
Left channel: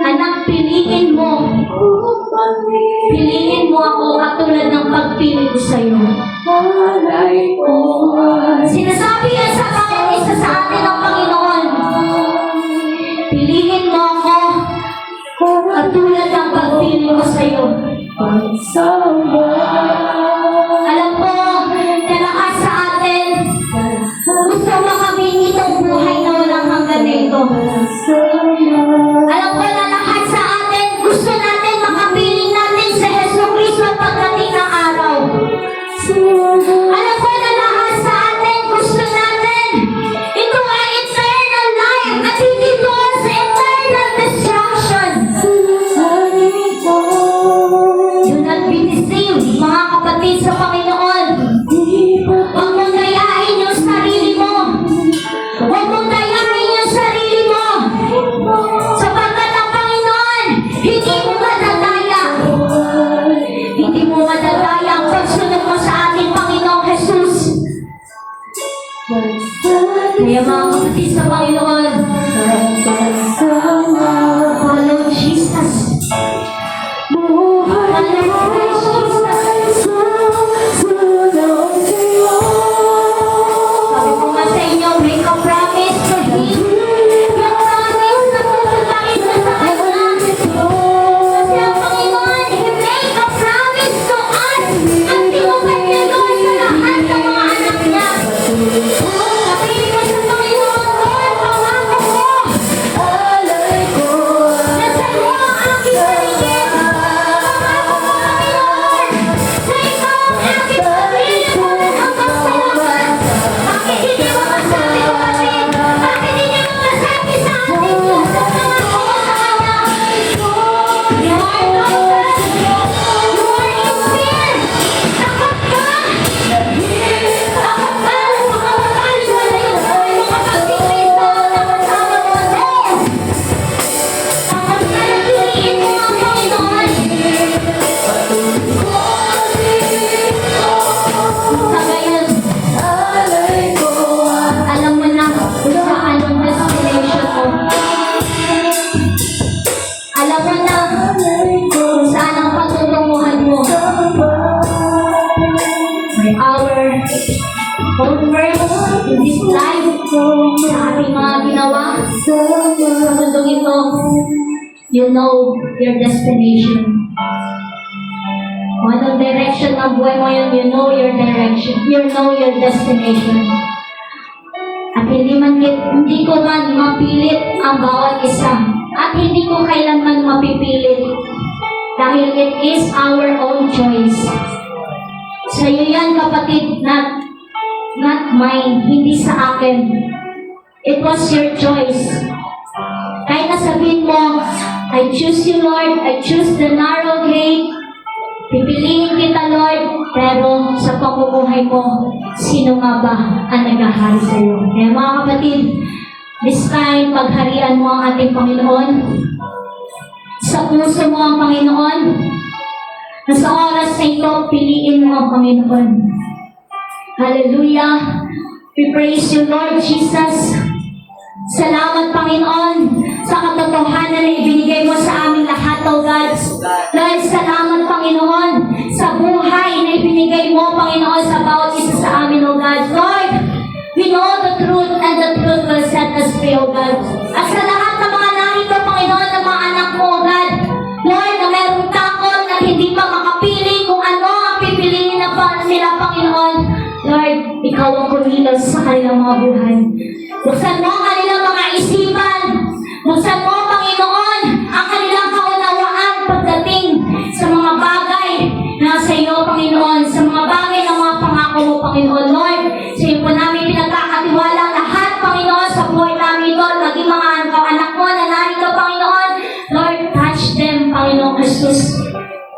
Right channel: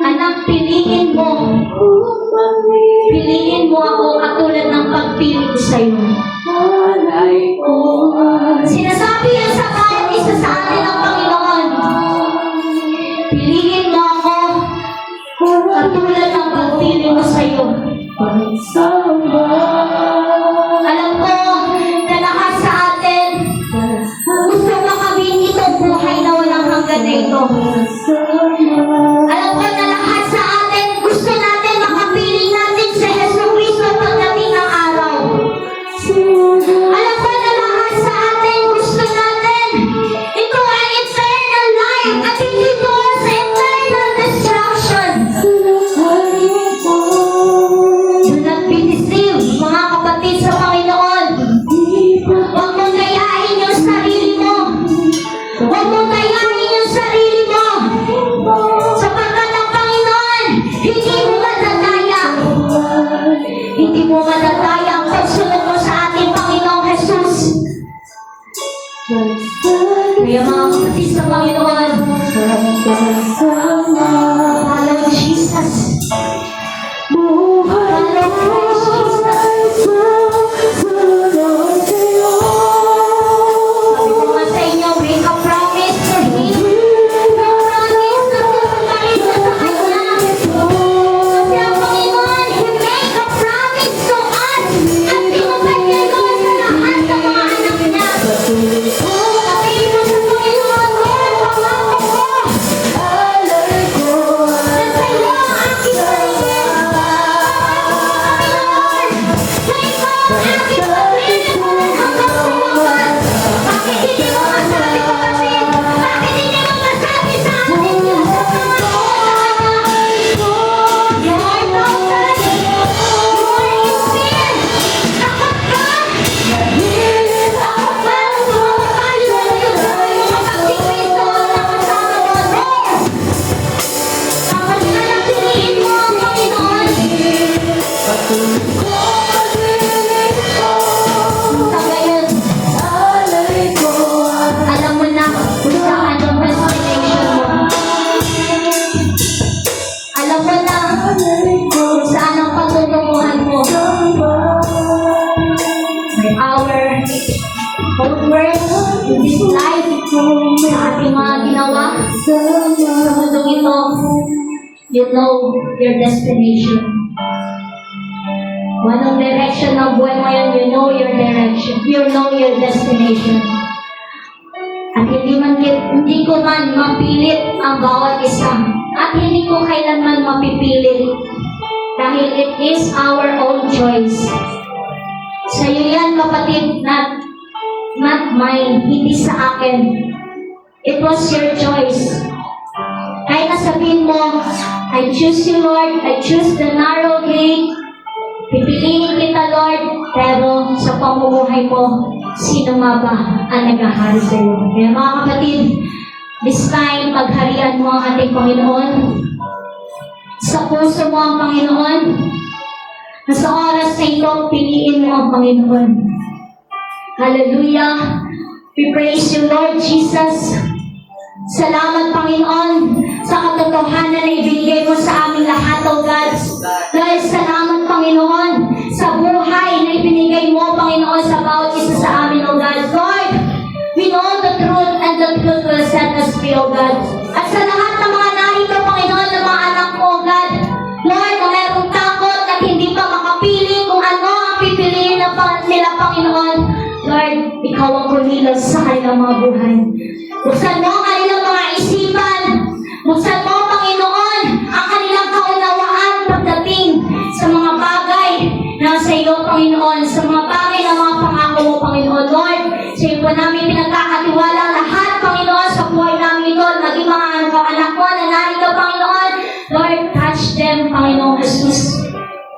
Anak, piliin mo. Piliin mo ako katulad ng pagpili ko sa'yo. Sinasabi yan sa bawat isa sa atin ng Panginoon. Piliin mo ako katulad ng pagpili ko sa'yo. Alam ko na lahat sa atin gusto makamit itong buhay na walang hanggan na ito. Alam ko na lahat sa atin gusto natin makapiling natin sa Yesu Cristo pagdating ng araw. Alam ko na lahat sa atin gusto natin ito ay eternal life at hindi doon sa eternal destruction. Do not be deceived, mga kapatid sa Panginoon. Huwag mong gayahin yung sarili mo. Huwag mong gayahin yung sarili mo. Sapagkat ang Panginoon, hindi mo madadaya. Hindi mo madadaya ang pagsunod mo sa ating Panginoong Jesus. Kaya mga kapatid sa Panginoon, follow Jesus. Follow Christ Jesus. Sabi ko nga sa inyo, make a promise to Him. Make a promise na tutuparin mo sa Kanya. Kasi ang Panginoon, He make a promise to us. At tinupad niya doon sa lahat ng mga anak niya. Sabihin mo sa Panginoon, Lord, pangako mo. Nasa iyo ang aking sarili. Pangako mo, Panginoon, na ikaw ang aking sarili hanggang sa wakas. Bakit hindi mo masabi ko kasi? Bakit hindi mo masabi sa akin yung sasamahan mo sa Kanya? You are broken. You are in sin. Takot ka. Takot ka na sumamahal sa iyo sa mga pagkikristo na kasama mo. Takot ka na piliin mo ang Panginoon. Sa ngayon, alam mo na kung saan ang destination mo. Alam mo na kung saan ang patutunguhan mo. Our own works in this life, sa ating mga ginawa, sa mundong ito, you know your destination. Kung anong direction ng buhay mo yun, you know your direction. You know your destination. At hindi ko man mapilit ang bawat isa. At hindi ko kailanman mapipilit. Dahil it is our own choice. Sa iyo yan, kapatid, not mine, hindi sa akin. It was your choice. Kahit nasabihin mo, I choose you, Lord, I choose the narrow gate, pipiliin kita, Lord, pero sa pamumuhay mo, sino nga ba ang naghahari sa iyo? Kaya mga kapatid, this time, pagharian mo ang ating Panginoon. Sa puso mo ang Panginoon. Na sa oras na ito, piliin mo ang Panginoon. Hallelujah! We praise you, Lord Jesus. Salamat, Panginoon, sa katotohanan na ibinigay mo sa aming lahat, O God. Dahil salamat, Panginoon, sa buhay na ibinigay mo, Panginoon, sa bawat isa sa amin, O God. Lord, we know the truth and the truth will set us free, O God. At sa lahat ng mga narito, Panginoon, ng mga anak mo, O God, Lord, na mayroong takot at hindi pa makapili kung ano ang pipiliin na nila, Panginoon. Lord, ikaw ang kumilos sa kanilang mga buhay. Buksan mo ang kanilang mga isipan. Buksan mo, Panginoon, ang kanilang kaunawaan pagdating sa mga bagay na sa iyo, Panginoon, sa mga bagay na mga pangako mo, Panginoon. Lord, sa iyo po namin pinagkakatiwala lahat, Panginoon, sa buhay namin, Lord, maging mga anak mo na narito, Panginoon. Lord, touch them, Panginoon Jesus.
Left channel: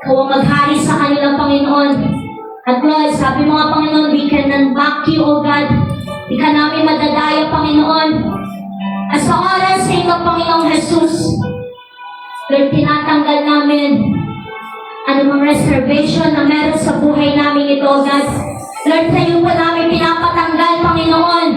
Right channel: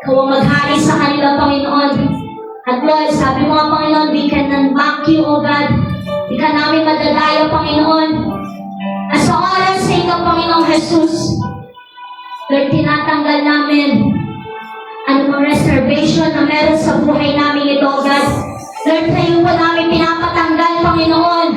Ikaw ang maghari sa kanilang, Panginoon. At Lord, sabi mo nga, Panginoon, we cannot back you, O God. Di ka namin madadaya, Panginoon. At sa oras sa ito, Panginoong Jesus, Lord, tinatanggal namin anumang reservation na meron sa buhay namin ito, God. Lord, sa iyo po namin pinapatanggal, Panginoon,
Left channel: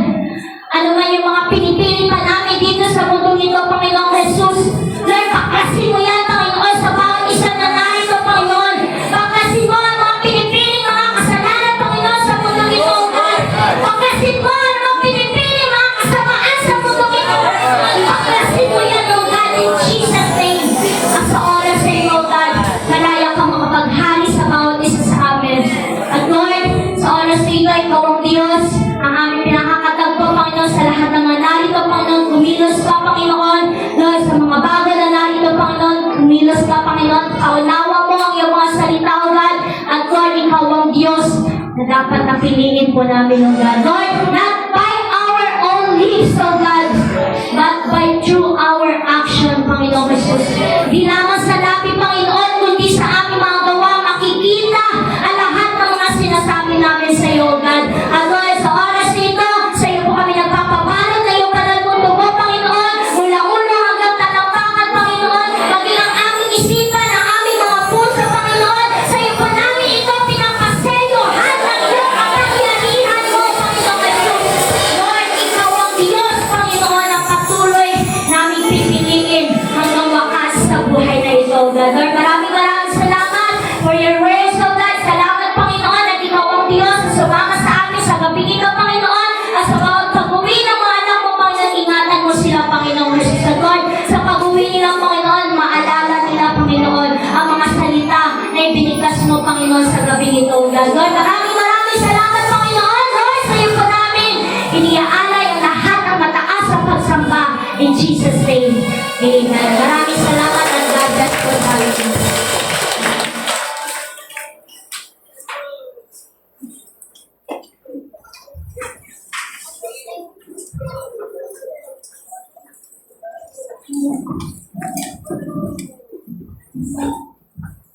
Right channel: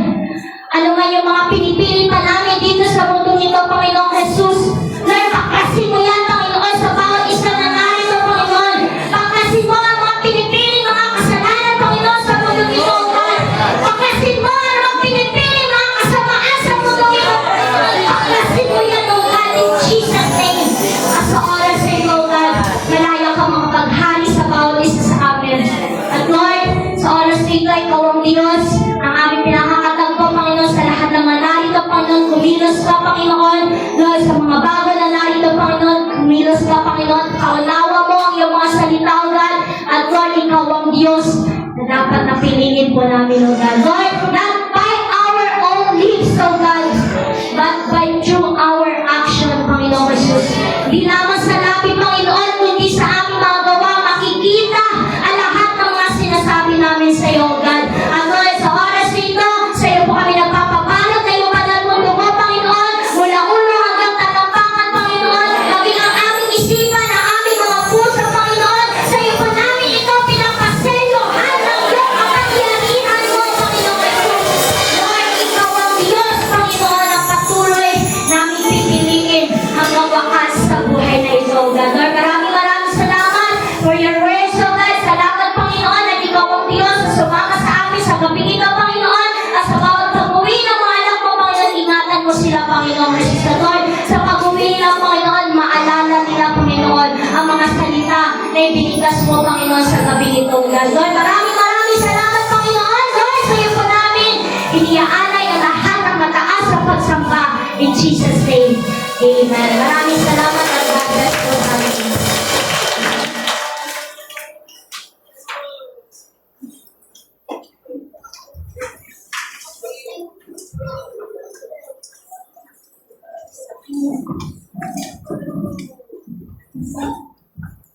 binikas mo, Panginoon, sa gabi ito. Lord, maraming salamat, Panginoon. Lord, sa iyo po namin iniaalay ang lahat ng mataas na pagsamba. In Jesus' name, amen. Maraming salamat at God bless po tayo.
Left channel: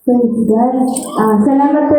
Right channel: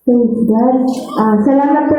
Praise God. Salamat po